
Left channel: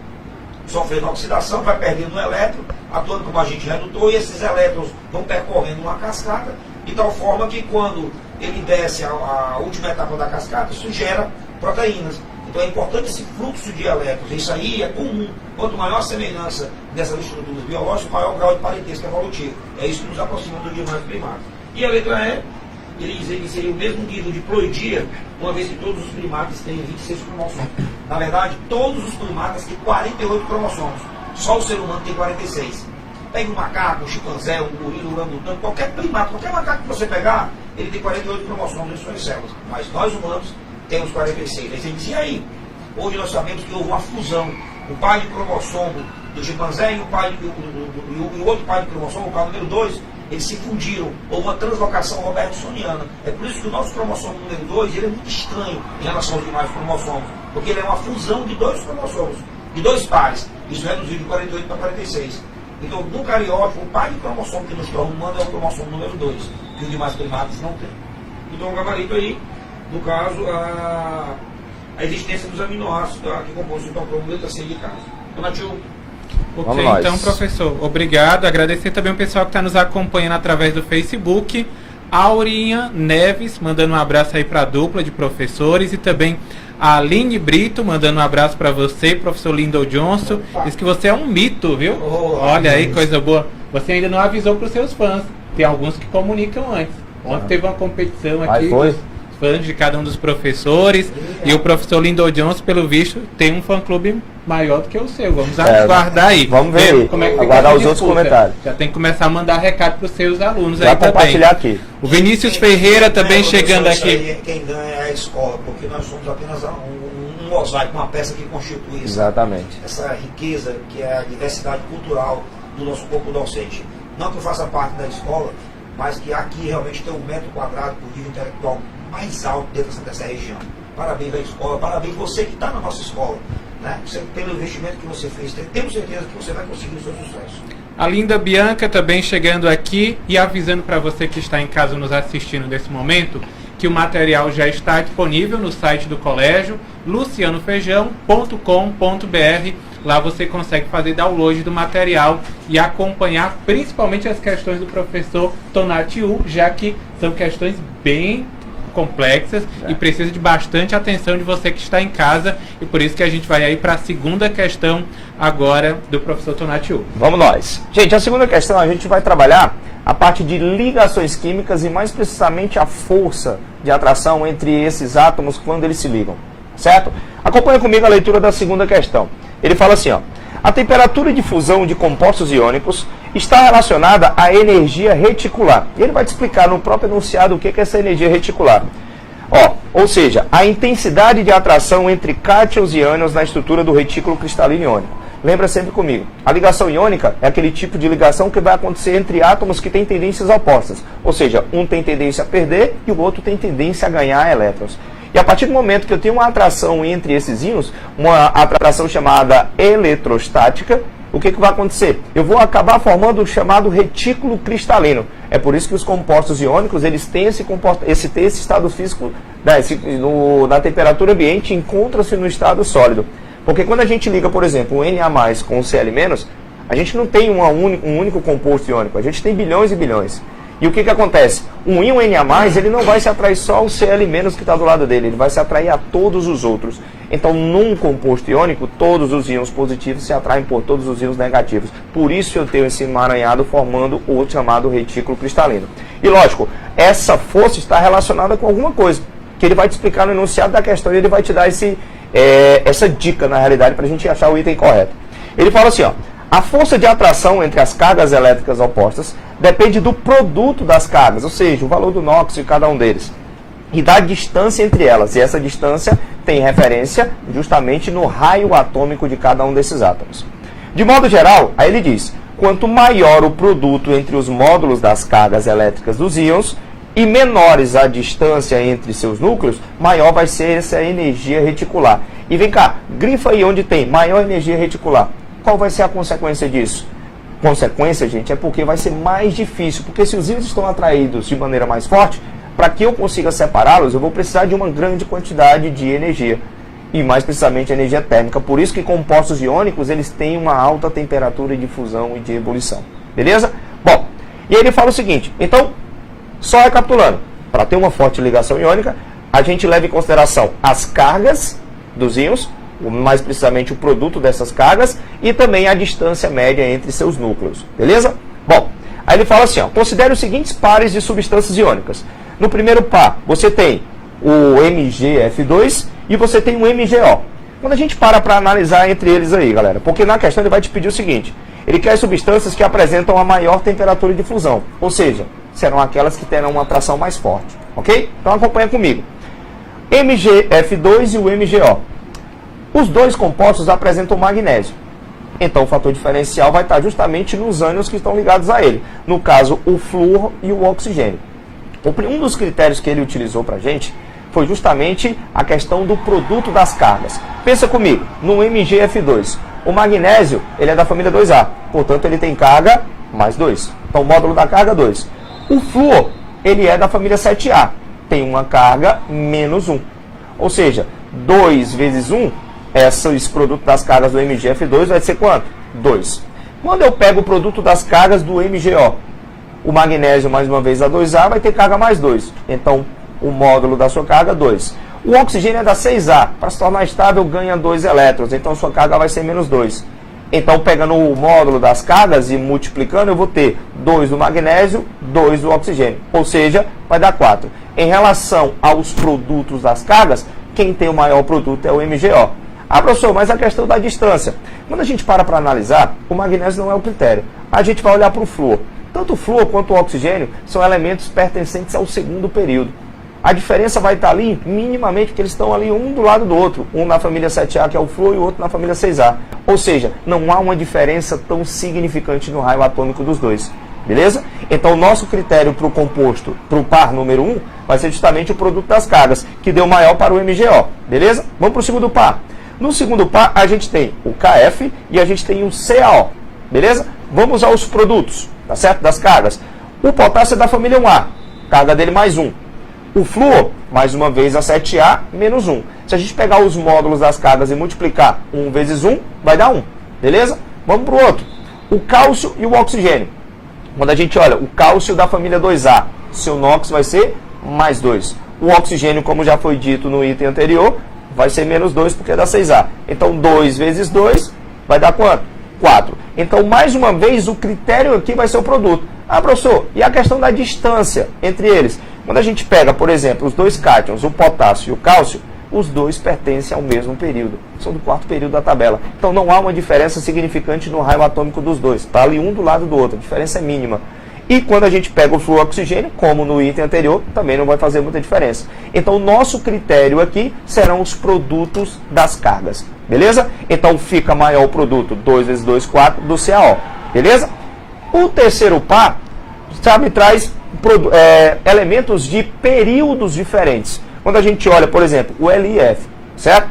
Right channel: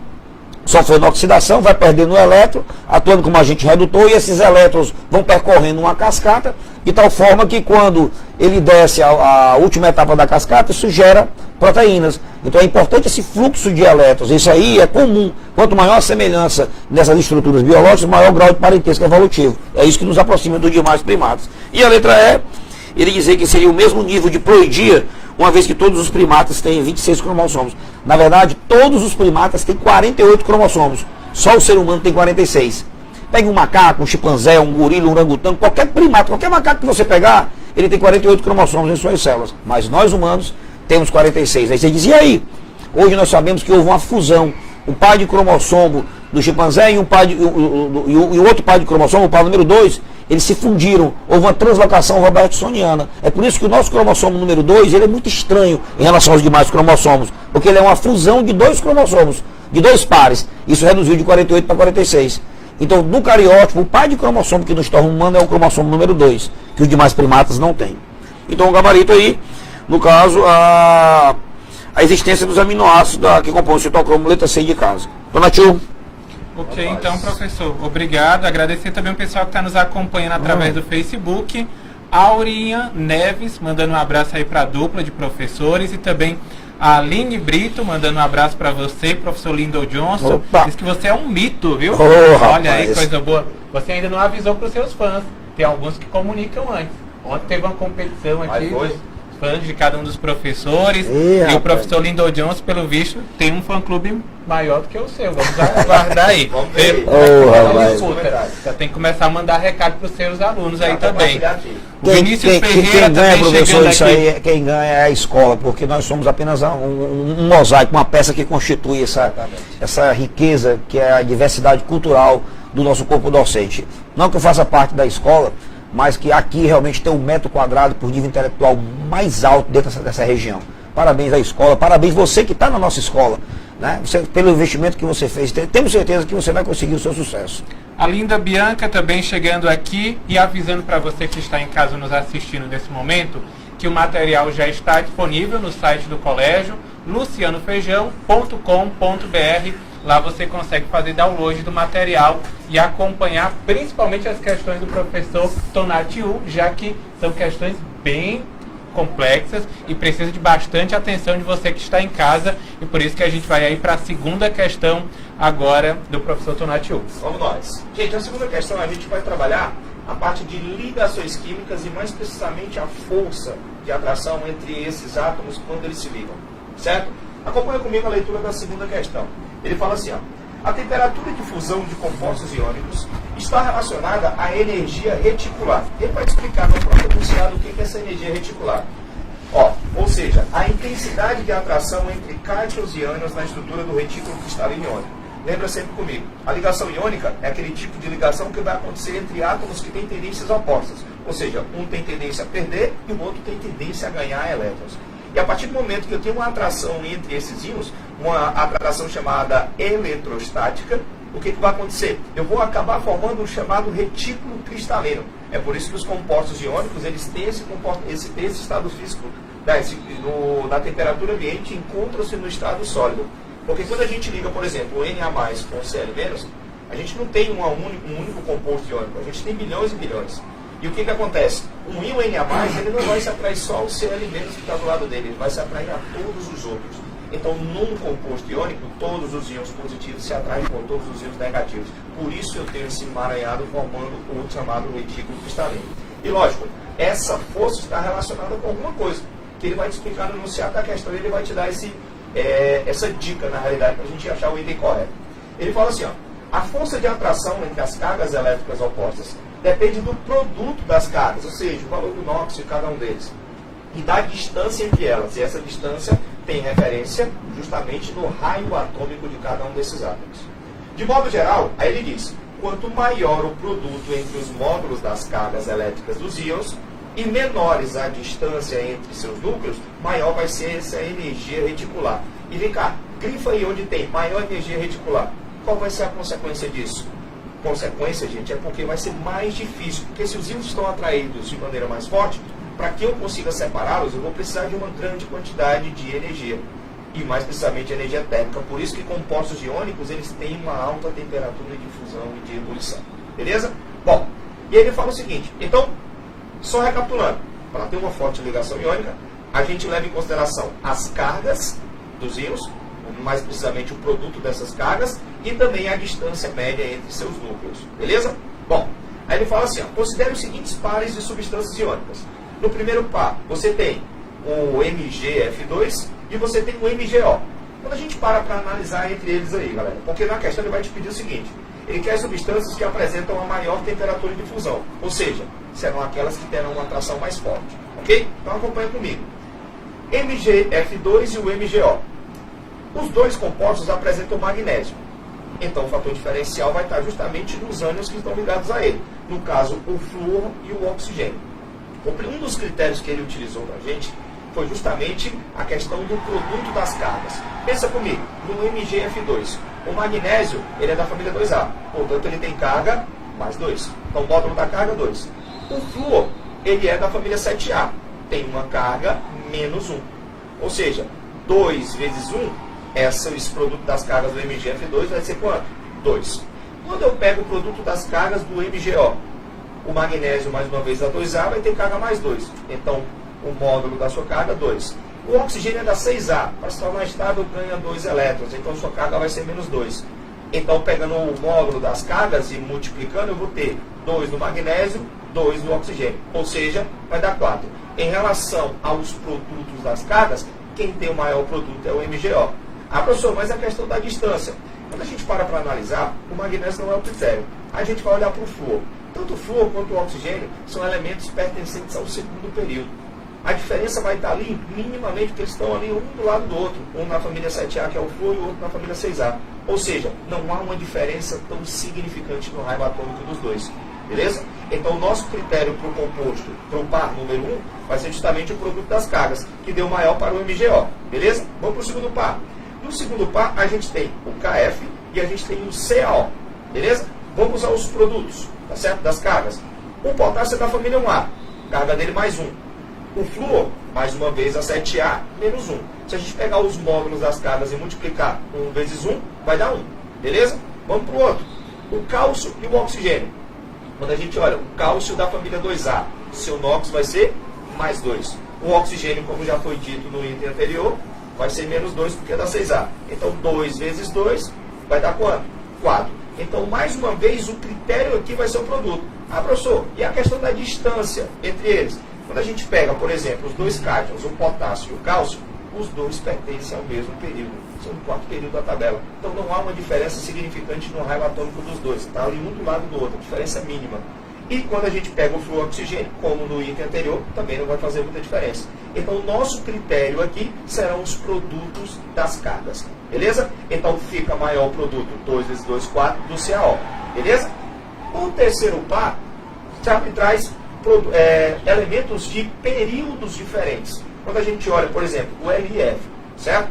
sofrendo oxidação, vai perdendo o elétron, atuando como agente redutor, e esses elétrons vão percorrendo uma cascata, de tal forma que quando ele desce a última etapa da cascata, isso gera proteínas. Então é importante esse fluxo de elétrons, isso aí é comum. Quanto maior a semelhança nessas estruturas biológicas, maior o grau de parentesco evolutivo. É isso que nos aproxima dos demais primatas. E a letra E, ele dizer que seria o mesmo nível de ploidia, uma vez que todos os primatas têm 26 cromossomos. Na verdade, todos os primatas têm 48 cromossomos. Só o ser humano tem 46. Pegue um macaco, um chimpanzé, um gorila, um orangotango, qualquer primata, qualquer macaco que você pegar, ele tem 48 cromossomos em suas células. Mas nós humanos temos 46. Aí você diz, e aí? Hoje nós sabemos que houve uma fusão. O pai de cromossomo do chimpanzé e o outro pai de cromossomo, o pai número 2, eles se fundiram. Houve uma translocação robertsoniana. É por isso que o nosso cromossomo número 2 ele é muito estranho em relação aos demais cromossomos. Porque ele é uma fusão de dois cromossomos, de dois pares. Isso reduziu de 48 para 46. Então, no cariótipo, o pai de cromossomo que nos torna humano é o cromossomo número 2, que os demais primatas não têm. Então, o gabarito aí, no caso, a existência dos aminoácidos que compõem o citocromo, letra C de casa. Dona Tio. Ok, então, professor, obrigado. Agradecer também o pessoal que está nos acompanhando através do Facebook. Aurinha Neves, mandando um abraço aí para a dupla de professores, e também a Aline Brito, mandando um abraço para você, professor Lyndon Johnson. Opa. Diz que você é um mito, viu? Olha aí, coisa boa. Você ainda não avisou para os seus fãs. Tem alguns que comunicam antes. Ontem teve uma competição aqui fãs de cada um dos professores. E o professor Lindon Johnson, pelo visto, tem um fã-clube maior do que o seu. Vamos aguardar aí. Vamos ver como é que vai fica dar a os outros disputa. comentários. Já tem que começar a mandar recado para os seus alunos Já aí também. compartilhar aqui. O Vinícius Ferreira também chegando aqui. Quem ganha é a escola, porque nós somos apenas um mosaico, uma peça que constitui essa riqueza que é a diversidade cultural do nosso corpo docente. Não que eu faça parte da escola, mas que aqui realmente tem um metro quadrado por nível intelectual mais alto dentro dessa região. Parabéns à escola, parabéns você que está na nossa escola, né? Você, pelo investimento que você fez, temos certeza que você vai conseguir o seu sucesso. A Linda Bianca também chegando aqui e avisando para você que está em casa nos assistindo nesse momento, que o material já está disponível no site do colégio, lucianofeijão.com.br. Lá você consegue fazer download do material e acompanhar principalmente as questões do professor Tonatiuh, já que são questões bem complexas e precisa de bastante atenção de você que está em casa, e por isso que a gente vai aí para a segunda questão agora do professor Tonatiuh. Vamos nós. Gente, a segunda questão a gente vai trabalhar a parte de ligações químicas e mais precisamente a força de atração entre esses átomos quando eles se ligam, certo? Acompanha comigo a leitura da segunda questão. Ele fala assim, ó: a temperatura de fusão de compostos iônicos está relacionada à energia reticular. E ele vai te explicar no próprio enunciado o que é essa energia reticular. Ou seja, a intensidade de atração entre cátions e ânions na estrutura do retículo cristalino iônico. Lembra sempre comigo, a ligação iônica é aquele tipo de ligação que vai acontecer entre átomos que têm tendências opostas. Ou seja, um tem tendência a perder e o outro tem tendência a ganhar elétrons. E a partir do momento que eu tenho uma atração entre esses íons, uma atração chamada eletrostática, o que vai acontecer? Eu vou acabar formando o chamado retículo cristalino. É por isso que os compostos iônicos eles têm esse estado físico, na temperatura ambiente, encontra-se no estado sólido. Porque quando a gente liga, por exemplo, o Na+ com o Cl-, a gente não tem um único composto iônico, a gente tem bilhões e bilhões. E o que acontece? Um íon Na+, ele não vai se atrair só ao Cl- que está do lado dele, ele vai se atrair a todos os outros. Então, num composto iônico, todos os íons positivos se atraem por todos os íons negativos. Por isso eu tenho esse emaranhado formando o chamado retículo cristalino. E lógico, essa força está relacionada com alguma coisa, que ele vai te explicar no enunciado da questão e ele vai te dar essa dica, na realidade, para a gente achar o item correto. Ele fala assim, ó: a força de atração entre as cargas elétricas opostas depende do produto das cargas, ou seja, o valor do nóx de cada um deles, e da distância entre elas. E essa distância tem referência justamente no raio atômico de cada um desses átomos. De modo geral, aí ele diz, quanto maior o produto entre os módulos das cargas elétricas dos íons e menores a distância entre seus núcleos, maior vai ser essa energia reticular. E vem cá, grifa aí onde tem maior energia reticular. Qual vai ser a consequência disso? Consequência, gente, é porque vai ser mais difícil, porque se os íons estão atraídos de maneira mais forte, para que eu consiga separá-los, eu vou precisar de uma grande quantidade de energia, e mais precisamente energia térmica. Por isso que compostos iônicos, eles têm uma alta temperatura de fusão e de ebulição. Beleza? Bom, e aí ele fala o seguinte, então, só recapitulando, para ter uma forte ligação iônica, a gente leva em consideração as cargas dos íons, mais precisamente o produto dessas cargas, e também a distância média entre seus núcleos, beleza? Bom, aí ele fala assim, ó: considere os seguintes pares de substâncias iônicas. No primeiro par, você tem o MgF2 e você tem o MgO. Quando a gente para analisar entre eles aí, galera, porque na questão ele vai te pedir o seguinte, ele quer substâncias que apresentam a maior temperatura de fusão, ou seja, serão aquelas que terão uma atração mais forte, ok? Então acompanha comigo. MgF2 e o MgO. Os dois compostos apresentam magnésio. Então o fator diferencial vai estar justamente nos ânions que estão ligados a ele. No caso, o flúor e o oxigênio. Um dos critérios que ele utilizou para a gente foi justamente a questão do produto das cargas. Pensa comigo, no MgF2, o magnésio ele é da família 2A, portanto ele tem carga mais 2. Então o módulo da carga 2. O flúor ele é da família 7A, tem uma carga menos 1. Ou seja, 2 vezes 1, esse produto das cargas do MgF2 vai ser quanto? 2. Quando eu pego o produto das cargas do MgO, o magnésio, mais uma vez, a 2A, vai ter carga mais 2. Então, o módulo da sua carga, 2. O oxigênio é da 6A. Para se tornar estável, ganha 2 elétrons. Então, sua carga vai ser menos 2. Então, pegando o módulo das cargas e multiplicando, eu vou ter 2 do magnésio, 2 do oxigênio. Ou seja, vai dar 4. Em relação aos produtos das cargas, quem tem o maior produto é o MgO. Ah, professor, mas a questão da distância. Quando a gente para analisar, o magnésio não é o critério. A gente vai olhar para o flúor. Tanto o flúor quanto o oxigênio são elementos pertencentes ao segundo período. A diferença vai estar ali minimamente porque eles estão ali um do lado do outro. Um na família 7A, que é o flúor, e o outro na família 6A. Ou seja, não há uma diferença tão significante no raio atômico dos dois. Beleza? Então, o nosso critério para o composto, para o par número 1, vai ser justamente o produto das cargas, que deu maior para o MgO. Beleza? Vamos para o segundo par. No segundo par, a gente tem o KF e a gente tem o CaO. Beleza? Vamos aos produtos, tá certo? Das cargas. O potássio é da família 1A, carga dele mais 1. O flúor, mais uma vez, a 7A menos 1. Se a gente pegar os módulos das cargas e multiplicar 1 vezes 1, vai dar 1. Beleza? Vamos para o outro. O cálcio e o oxigênio. Quando a gente olha o cálcio da família 2A, seu NOx vai ser mais 2. O oxigênio, como já foi dito no item anterior, vai ser menos 2 porque é da 6A. Então, 2 vezes 2 vai dar quanto? 4. Então, mais uma vez, o critério aqui vai ser o produto. Ah, professor, e a questão da distância entre eles? Quando a gente pega, por exemplo, os dois cátions, o potássio e o cálcio, os dois pertencem ao mesmo período. São do quarto período da tabela. Então, não há uma diferença significante no raio atômico dos dois. Está ali um do lado do outro. A diferença é mínima. E quando a gente pega o flúor oxigênio, como no item anterior, também não vai fazer muita diferença. Então, o nosso critério aqui serão os produtos das cargas. Beleza? Então, fica maior o produto 2 vezes 2, 4 do CaO. Beleza? O terceiro par, sabe, traz elementos de períodos diferentes. Quando a gente olha, por exemplo, o LiF, certo?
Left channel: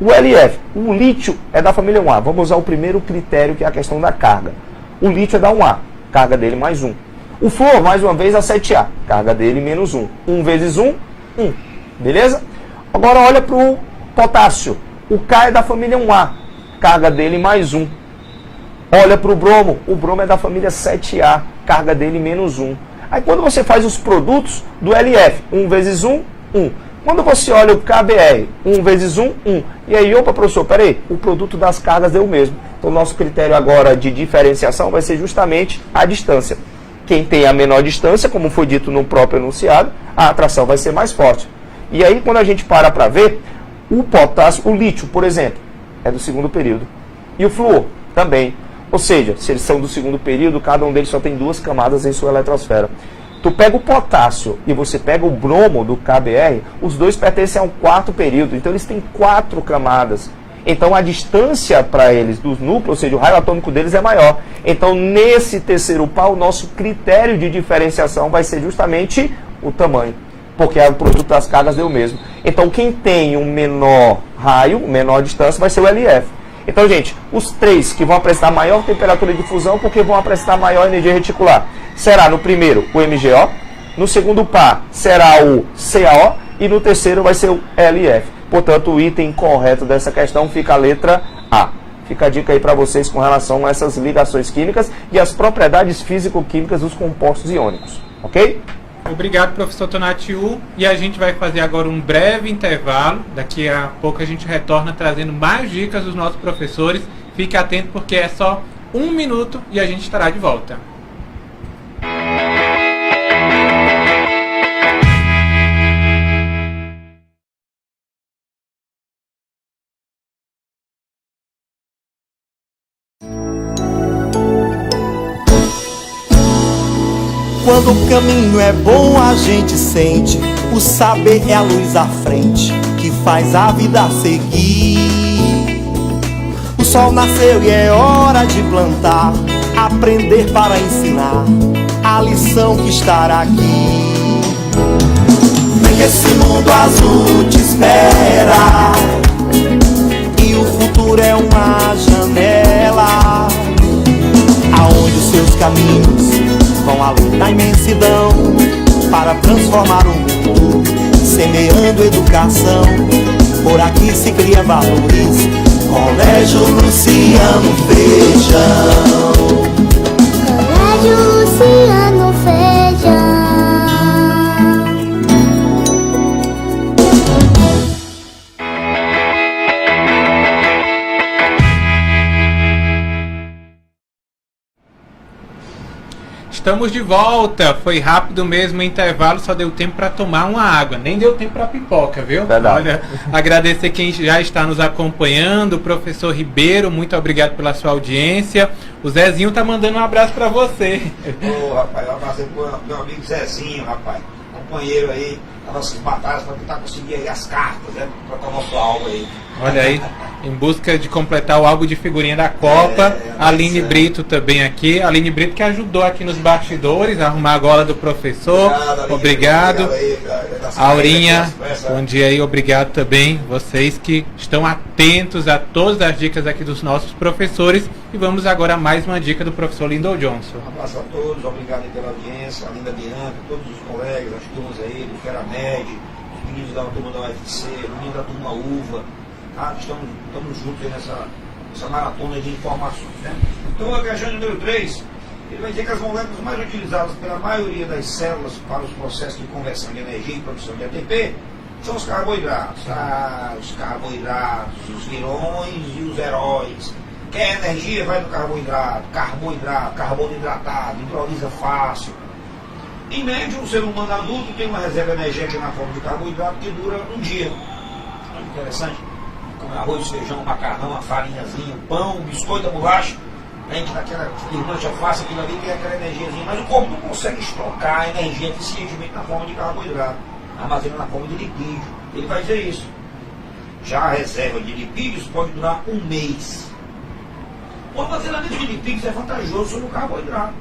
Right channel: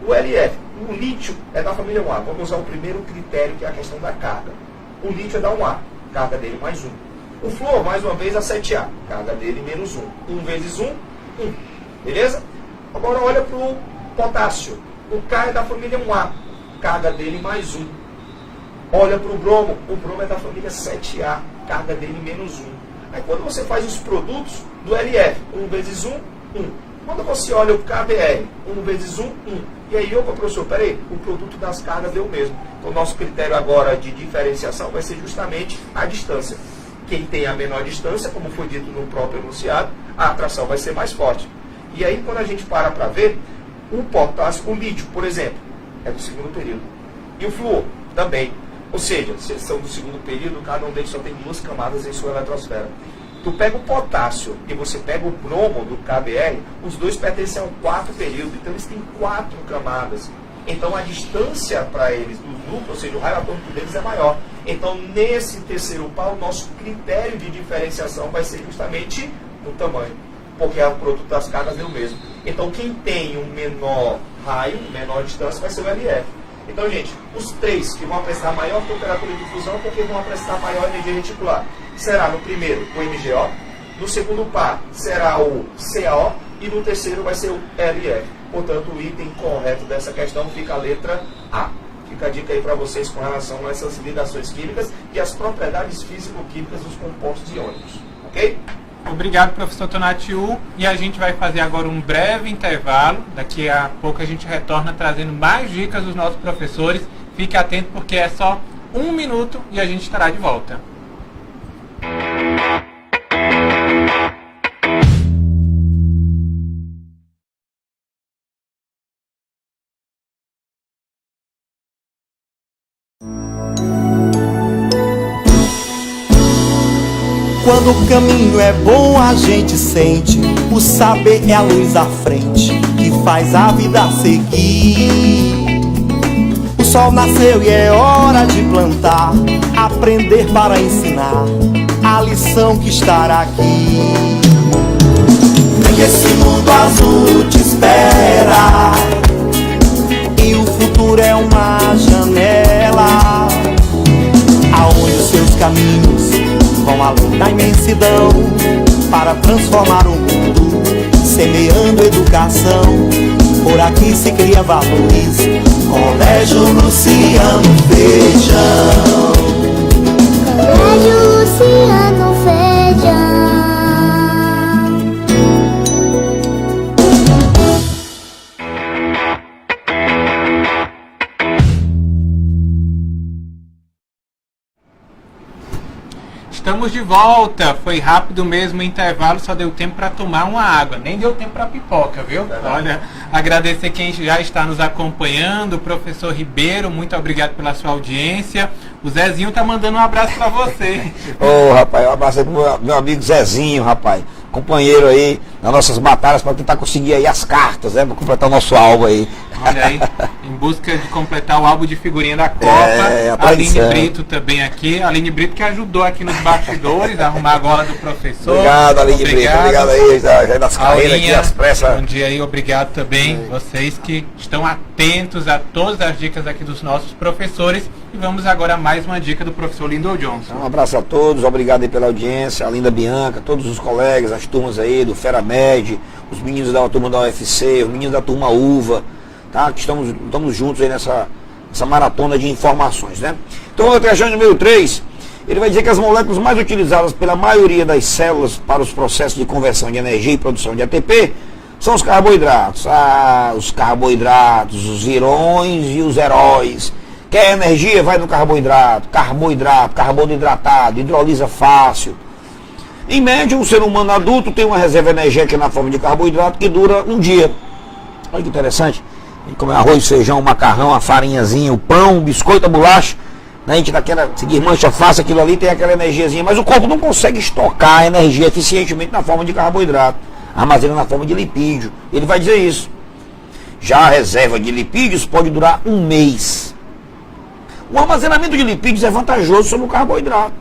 O LiF, o lítio é da família 1A. Vamos usar o primeiro critério, que é a questão da carga. O lítio é da 1A. Carga dele mais 1. O flúor, mais uma vez, a 7A. Carga dele menos 1. 1 vezes 1, 1. Beleza? Agora olha para o potássio. O K é da família 1A. Carga dele mais 1. Olha para o bromo. O bromo é da família 7A. Carga dele menos 1. Aí quando você faz os produtos do LF, 1 vezes 1, 1. Quando você olha o KBR, 1 vezes 1, 1. E aí, opa, professor, peraí, o produto das cargas deu o mesmo. Então, o nosso critério agora de diferenciação vai ser justamente a distância. Quem tem a menor distância, como foi dito no próprio enunciado, a atração vai ser mais forte. E aí, quando a gente para ver, o potássio, o lítio, por exemplo, é do segundo período. E o flúor também. Ou seja, se eles são do segundo período, cada um deles só tem 2 camadas em sua eletrosfera. Tu pega o potássio e você pega o bromo do KBr, os dois pertencem ao quarto período, então eles têm 4 camadas. Então a distância para eles dos núcleos, ou seja, o raio atômico deles é maior. Então nesse terceiro par, o nosso critério de diferenciação vai ser justamente o tamanho, porque o produto das cargas deu o mesmo. Então quem tem um menor raio, menor distância, vai ser o LF. Então, gente, os 3 que vão apresentar maior temperatura de fusão, porque vão apresentar maior energia reticular, será no primeiro o MgO, no segundo par será o CaO e no terceiro vai ser o LF. Portanto, o item correto dessa questão fica a letra A. Fica a dica aí para vocês com relação a essas ligações químicas e as propriedades físico-químicas dos compostos iônicos. Ok? Obrigado, professor Tonatiuh. E a gente vai fazer agora um breve intervalo. Daqui a pouco a gente retorna trazendo mais dicas dos nossos professores. Fique atento porque é só 1 minuto e a gente estará de volta. Quando o caminho é bom, a gente sente. O saber é a luz à frente que faz a vida seguir. O sol nasceu e é hora de plantar, aprender para ensinar a lição que está aqui. Vem que esse mundo azul te espera e o futuro é uma janela aonde os seus caminhos vão além da imensidão para transformar o mundo, semeando educação. Por aqui se cria valores. Colégio Luciano Feijão. Colégio Luciano Feijão. Estamos de volta. Foi rápido mesmo o intervalo, só deu tempo para tomar uma água. Nem deu tempo para pipoca, viu? Verdade. Olha, agradecer quem já está nos acompanhando. O professor Ribeiro, muito obrigado pela sua audiência. O Zezinho tá mandando um abraço para você. Ô, rapaz, um abraço aí pro meu amigo Zezinho, rapaz. Companheiro aí nas nossas batalhas para tentar conseguir aí as cartas, né? Para completar o nosso álbum aí. Olha aí, em busca de completar o álbum de figurinha da Copa. a Aline tradição. Brito também aqui. Aline Brito que ajudou aqui nos bastidores a arrumar a gola do professor. Obrigado, Aline Brito, Obrigado. aí, já das carreiras Aurinha, aqui, as pressas. bom dia aí, obrigado também. Vocês que estão atentos a todas as dicas aqui dos nossos professores. E vamos agora a mais uma dica do professor Lyndon Johnson. Um abraço a todos, obrigado aí pela audiência, a Linda Bianca, todos os colegas, as turmas aí do FeraMed, os meninos da turma da UFC, os meninos da turma UVA, tá? Que estamos juntos aí nessa maratona de informações, né? Então, a questão número 3, ele vai dizer que as moléculas mais utilizadas pela maioria das células para os processos de conversão de energia e produção de ATP são os carboidratos. Os carboidratos, os virões e os heróis. Quer energia? Vai no carboidrato, carbono hidratado, hidrolisa fácil. Em média, um ser humano adulto tem uma reserva energética na forma de carboidrato que dura um dia. Olha que interessante. A gente come arroz, feijão, macarrão, a farinhazinha, o pão, o biscoito, a bolacha. A gente daquela, seguir mancha fácil, aquilo ali tem aquela energiazinha. Mas o corpo não consegue estocar a energia eficientemente na forma de carboidrato. Armazena na forma de lipídio. Ele vai dizer isso. Já a reserva de lipídios pode durar um mês. O armazenamento de lipídios é vantajoso sobre o carboidrato,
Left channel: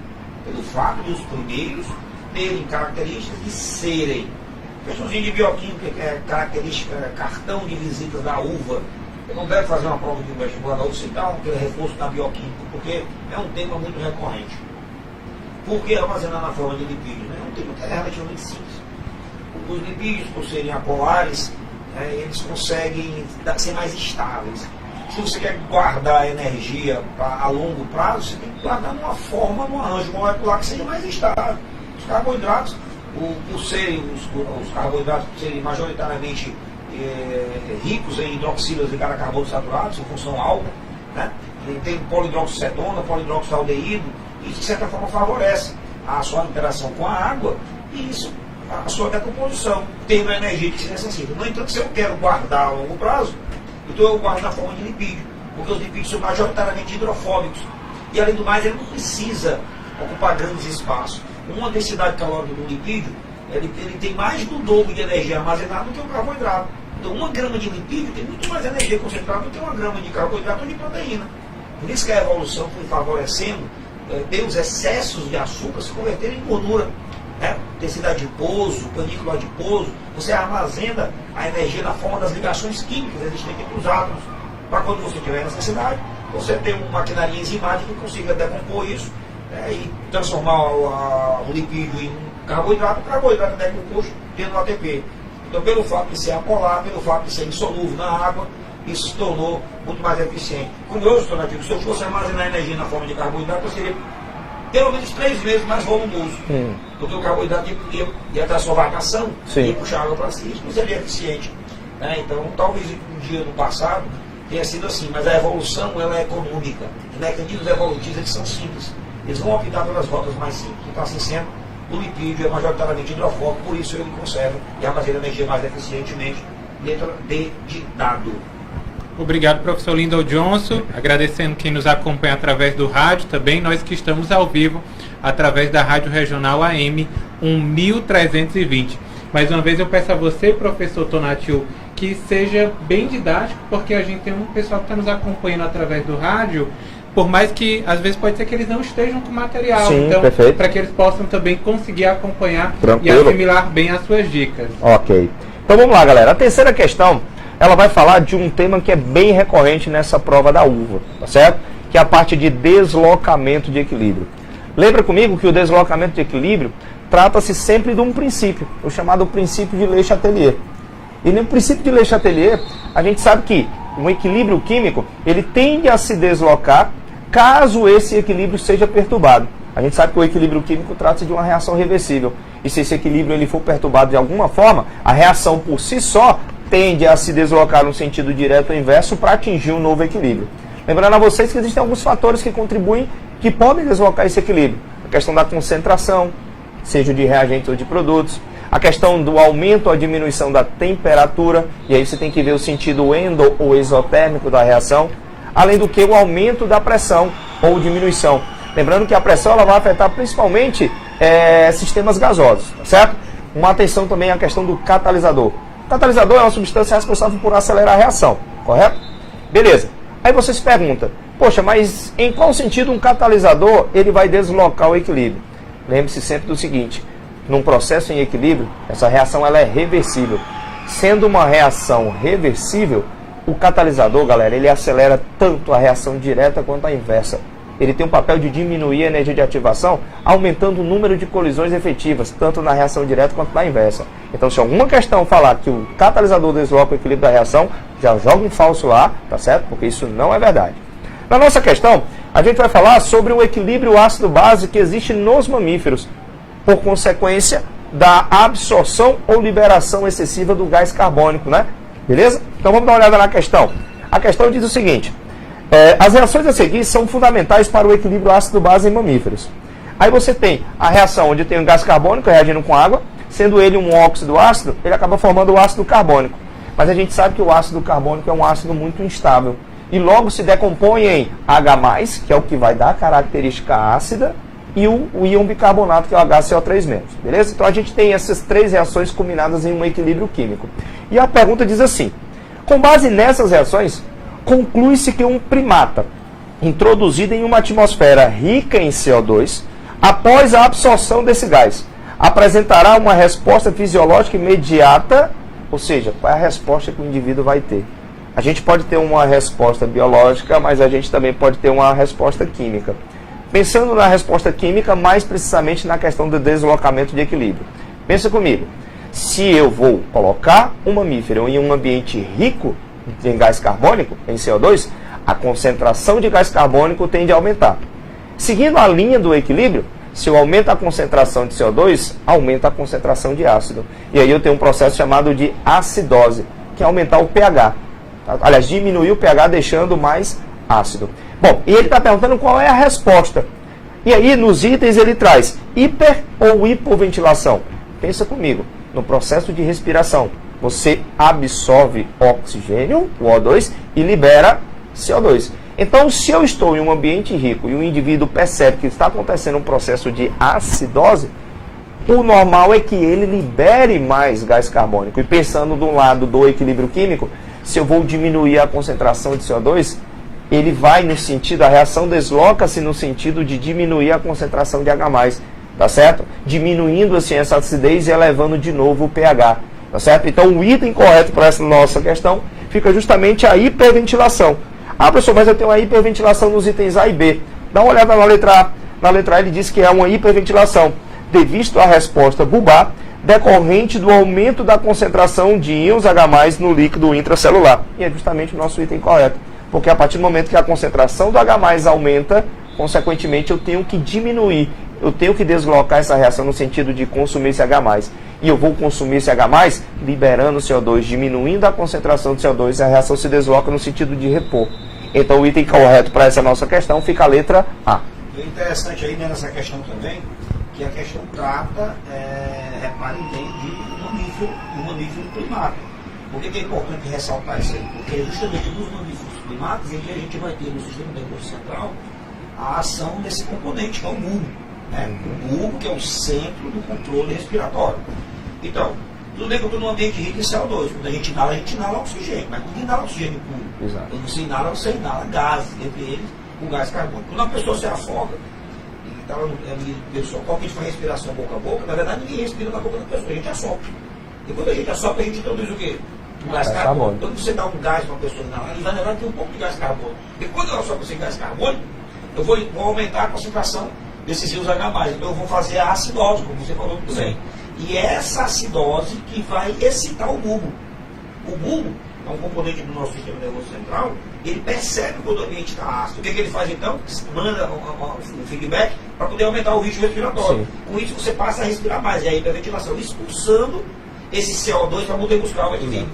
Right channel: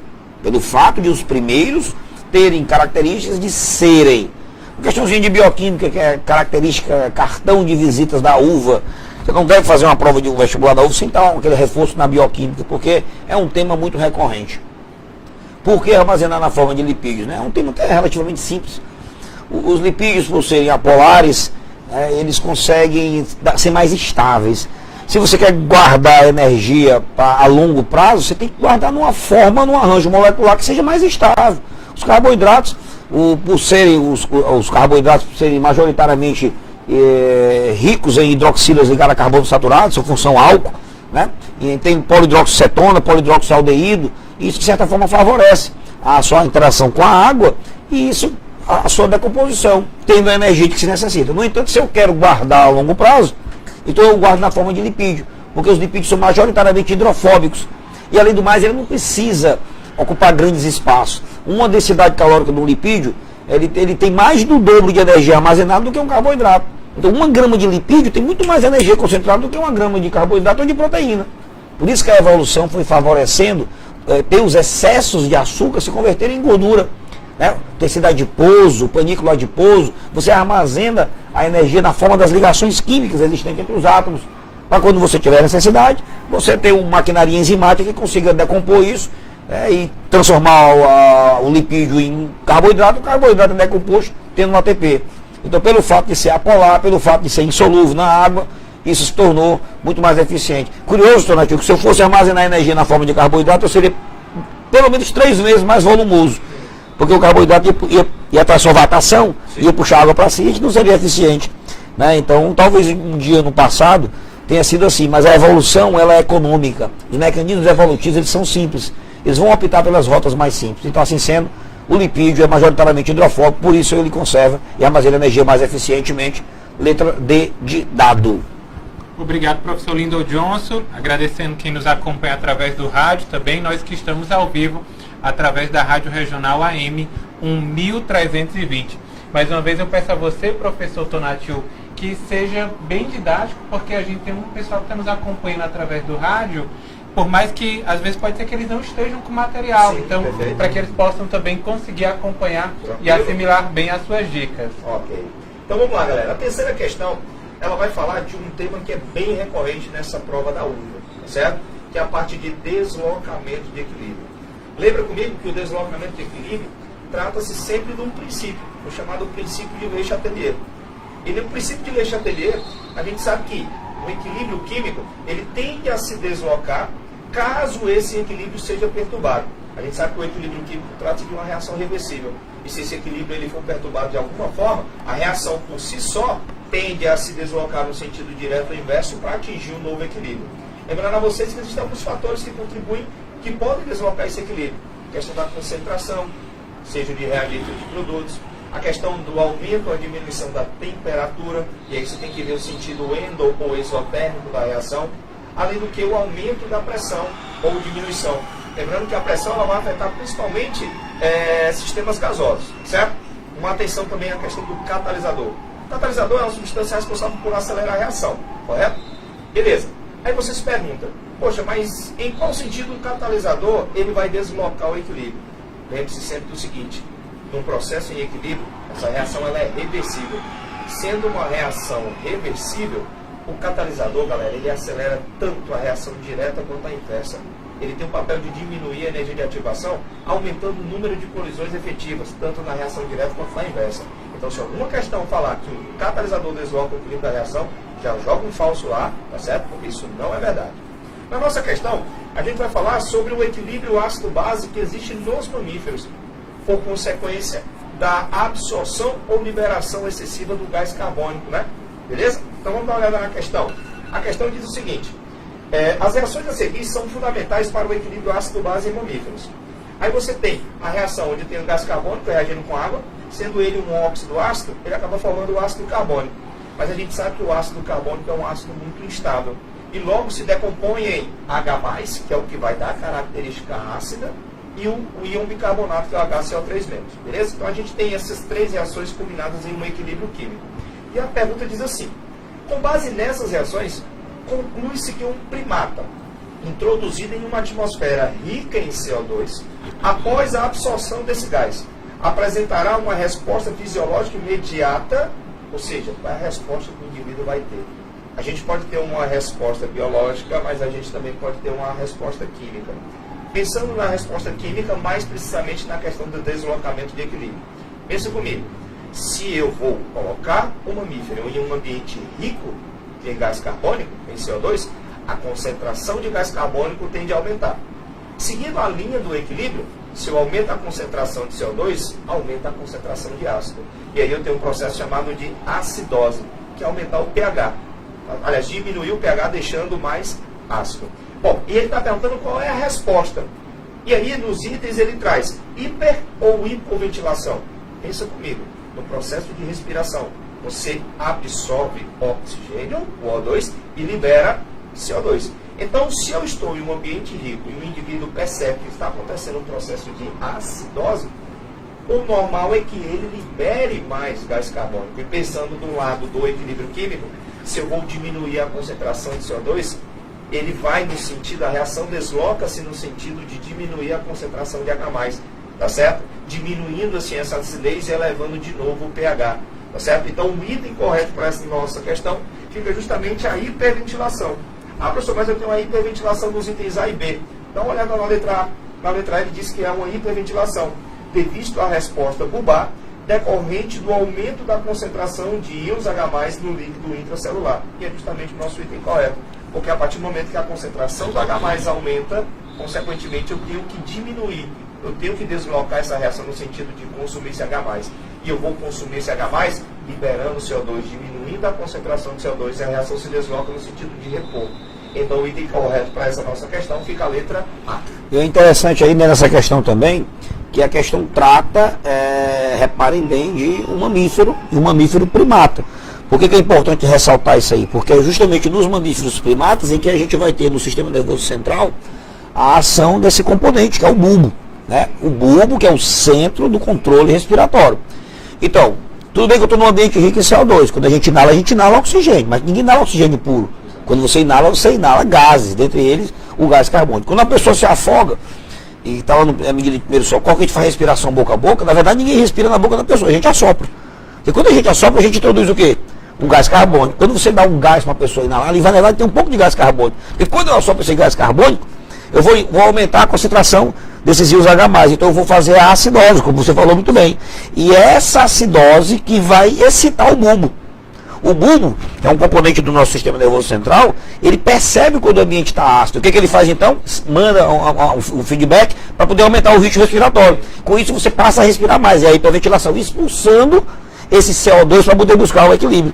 pelo fato de os primeiros terem características de serem. Uma questãozinha de bioquímica, que é característica, cartão de visitas da uva. Você não deve fazer uma prova de um vestibular da uva sem dar aquele reforço na bioquímica, porque é um tema muito recorrente. Por que armazenar na forma de lipídios? É um tema que é relativamente simples. Os lipídios, por serem apolares, eles conseguem ser mais estáveis. Se você quer guardar energia a longo prazo, você tem que guardar numa forma, num arranjo molecular que seja mais estável. Os carboidratos, os carboidratos por serem majoritariamente ricos em hidroxilas ligadas a carbono saturado, sua função álcool, né? E tem polihidroxicetona, polihidroxialdeído, e isso de certa forma favorece a sua interação com a água e isso a sua decomposição, tendo a energia que se necessita. No entanto, se eu quero guardar a longo prazo, então eu guardo na forma de lipídio, porque os lipídios são majoritariamente hidrofóbicos. E além do mais, ele não precisa ocupar grandes espaços. Uma densidade calórica do lipídio, ele tem mais do dobro de energia armazenada do que um carboidrato. Então 1 grama de lipídio tem muito mais energia concentrada do que 1 grama de carboidrato ou de proteína. Por isso que a evolução foi favorecendo ter os excessos de açúcar se converterem em gordura. Tecido adiposo, panículo adiposo, você armazena a energia na forma das ligações químicas existentes entre os átomos, para quando você tiver necessidade, você ter uma maquinaria enzimática que consiga decompor isso e transformar o lipídio em carboidrato, o carboidrato é decomposto tendo um ATP. Então, pelo fato de ser apolar, pelo fato de ser insolúvel na água, isso se tornou muito mais eficiente. Curioso, Tonatiuh, que se eu fosse armazenar energia na forma de carboidrato, eu seria pelo menos 3 vezes mais volumoso. Porque o carboidrato ia para a solvatação, ia puxar água para si, e não seria eficiente. Né? Então, talvez um dia no passado tenha sido assim, mas a evolução ela é econômica. Os mecanismos evolutivos eles são simples. Eles vão optar pelas rotas mais simples. Então, assim sendo, o lipídio é majoritariamente hidrofóbico, por isso ele conserva e armazena energia mais eficientemente. Letra D de dado. Obrigado, professor Lyndon Johnson. Agradecendo quem nos acompanha através do rádio também, nós que estamos ao vivo através da Rádio Regional AM 1320. Mais uma vez eu peço a você, professor Tonatiuh, que seja bem didático, porque a gente tem um pessoal que está nos acompanhando através do rádio, por mais que às vezes pode ser que eles não estejam com material. Sim, então, perfeito. para que eles possam também conseguir acompanhar Tranquilo. e assimilar bem as suas dicas. Ok. Então vamos lá, galera. A terceira questão, ela vai falar de um tema que é bem recorrente nessa prova da uva, tá certo? Que é a parte de deslocamento de equilíbrio. Lembra comigo que o deslocamento de equilíbrio trata-se sempre de um princípio, o chamado princípio de Le Chatelier. E no princípio de Le Chatelier, a gente sabe que um equilíbrio químico, ele tende a se deslocar caso esse equilíbrio seja perturbado. A gente sabe que o equilíbrio químico trata-se de uma reação reversível. E se esse equilíbrio ele for perturbado de alguma forma, a reação por si só tende a se deslocar no sentido direto ou inverso para atingir um novo equilíbrio. Lembrando a vocês que existem alguns fatores que contribuem, que podem deslocar esse equilíbrio. questão da concentração, seja de reagentes ou de produtos, a questão do aumento ou diminuição da temperatura, e aí você tem que ver o sentido endo ou exotérmico da reação, além do que o aumento da pressão ou diminuição. Lembrando que a pressão ela vai afetar principalmente sistemas gasosos, certo? Uma atenção também à questão do catalisador. O catalisador é uma substância responsável por acelerar a reação, correto? Beleza. Aí você se pergunta, poxa, mas em qual sentido um catalisador ele vai deslocar o equilíbrio? Lembre-se sempre do seguinte, num processo em equilíbrio, essa reação ela é reversível. Sendo uma reação reversível, o catalisador, galera, ele acelera tanto a reação direta quanto a inversa. Ele tem o papel de diminuir a energia de ativação, aumentando o número de colisões efetivas, tanto na reação direta quanto na inversa. Então, se alguma questão falar que o catalisador desloca o equilíbrio da reação, já joga um falso lá, tá certo? Porque isso não é verdade. Na nossa questão, a gente vai falar sobre o equilíbrio ácido-base que existe nos mamíferos, por consequência da absorção ou liberação excessiva do gás carbônico, né? Beleza? Então vamos dar uma olhada na questão. A questão diz o seguinte, as reações a seguir são fundamentais para o equilíbrio ácido-base em mamíferos. Aí você tem a reação onde tem o gás carbônico reagindo com água, sendo ele um óxido ácido, ele acaba formando o ácido carbônico. Mas a gente sabe que o ácido carbônico é um ácido muito instável e logo se decompõe em H+, que é o que vai dar a característica ácida, e o íon bicarbonato, que é o HCO3-, beleza? Então a gente tem essas três reações combinadas em um equilíbrio químico. E a pergunta diz assim, com base nessas reações, conclui-se que um primata, introduzido em uma atmosfera rica em CO2, após a absorção desse gás, apresentará uma resposta fisiológica imediata, ou seja, qual é a resposta que o indivíduo vai ter? A gente pode ter uma resposta biológica, mas a gente também pode ter uma resposta química. Pensando na resposta química, mais precisamente na questão do deslocamento de equilíbrio. Pensa comigo, se eu vou colocar um mamífero em um ambiente rico em gás carbônico, em CO2, a concentração de gás carbônico tende a aumentar. Seguindo a linha do equilíbrio, se eu aumento a concentração de CO2, aumenta a concentração de ácido. E aí eu tenho um processo chamado de acidose, que é aumentar o pH. Aliás, diminuir o pH deixando mais ácido. Bom, e ele está perguntando qual é a resposta. E aí, nos itens, ele traz hiper ou hipoventilação. Pensa comigo, no processo de respiração, você absorve oxigênio, o O2, e libera CO2. Então, se eu estou em um ambiente rico e o indivíduo percebe que está acontecendo um processo de acidose, o normal é que ele libere mais gás carbônico. E pensando do lado do equilíbrio químico, se eu vou diminuir a concentração de CO2, ele vai no sentido, a reação desloca-se no sentido de diminuir a concentração de H+, tá certo? Diminuindo assim essa acidez e elevando de novo o pH, tá certo? Então o item correto para essa nossa questão fica justamente a hiperventilação. Ah, professor, mas eu tenho uma hiperventilação nos itens A e B. Dá uma olhada na letra A. Na letra A ele diz que é uma hiperventilação, devido à resposta bulbar, decorrente do aumento da concentração de íons H+, no líquido intracelular. E é justamente o nosso item correto. Porque a partir do momento que a concentração do H+ aumenta, consequentemente eu tenho que diminuir, eu tenho que deslocar essa reação no sentido de consumir esse H+. E eu vou consumir esse H+, liberando CO2, diminuindo a concentração de CO2, e a reação se desloca no sentido de repor. Então o item correto para essa nossa questão fica a letra A. E é interessante aí nessa questão também, que a questão trata, reparem bem, de um mamífero e um mamífero primata. Por que é importante ressaltar isso aí? Porque é justamente nos mamíferos primatas em que a gente vai ter no sistema nervoso central a ação desse componente, que é o bulbo, né? O bulbo, que é o centro do controle respiratório. Então, tudo bem que eu estou num ambiente rico em CO2. Quando a gente inala oxigênio, mas ninguém inala oxigênio puro. Exato. Quando você inala gases, dentre eles o gás carbônico. Quando a pessoa se afoga e está lá no medida de primeiro socorro, que a gente faz respiração boca a boca, na verdade ninguém respira na boca da pessoa, a gente assopra. E quando a gente assopra, a gente introduz o quê? Um gás carbônico. Quando você dá um gás para uma pessoa inalar, ele vai levar e tem um pouco de gás carbônico. E quando eu assopro esse gás carbônico, eu vou aumentar a concentração desses íons H+. Então eu vou fazer a acidose, como você falou muito bem. E é essa acidose que vai excitar o bulbo. O bulbo, que é um componente do nosso sistema nervoso central, ele percebe quando o ambiente está ácido. O que ele faz então? Manda um feedback para poder aumentar o ritmo respiratório. Com isso você passa a respirar mais. É a hiperventilação, expulsando esse CO2 para poder buscar o equilíbrio.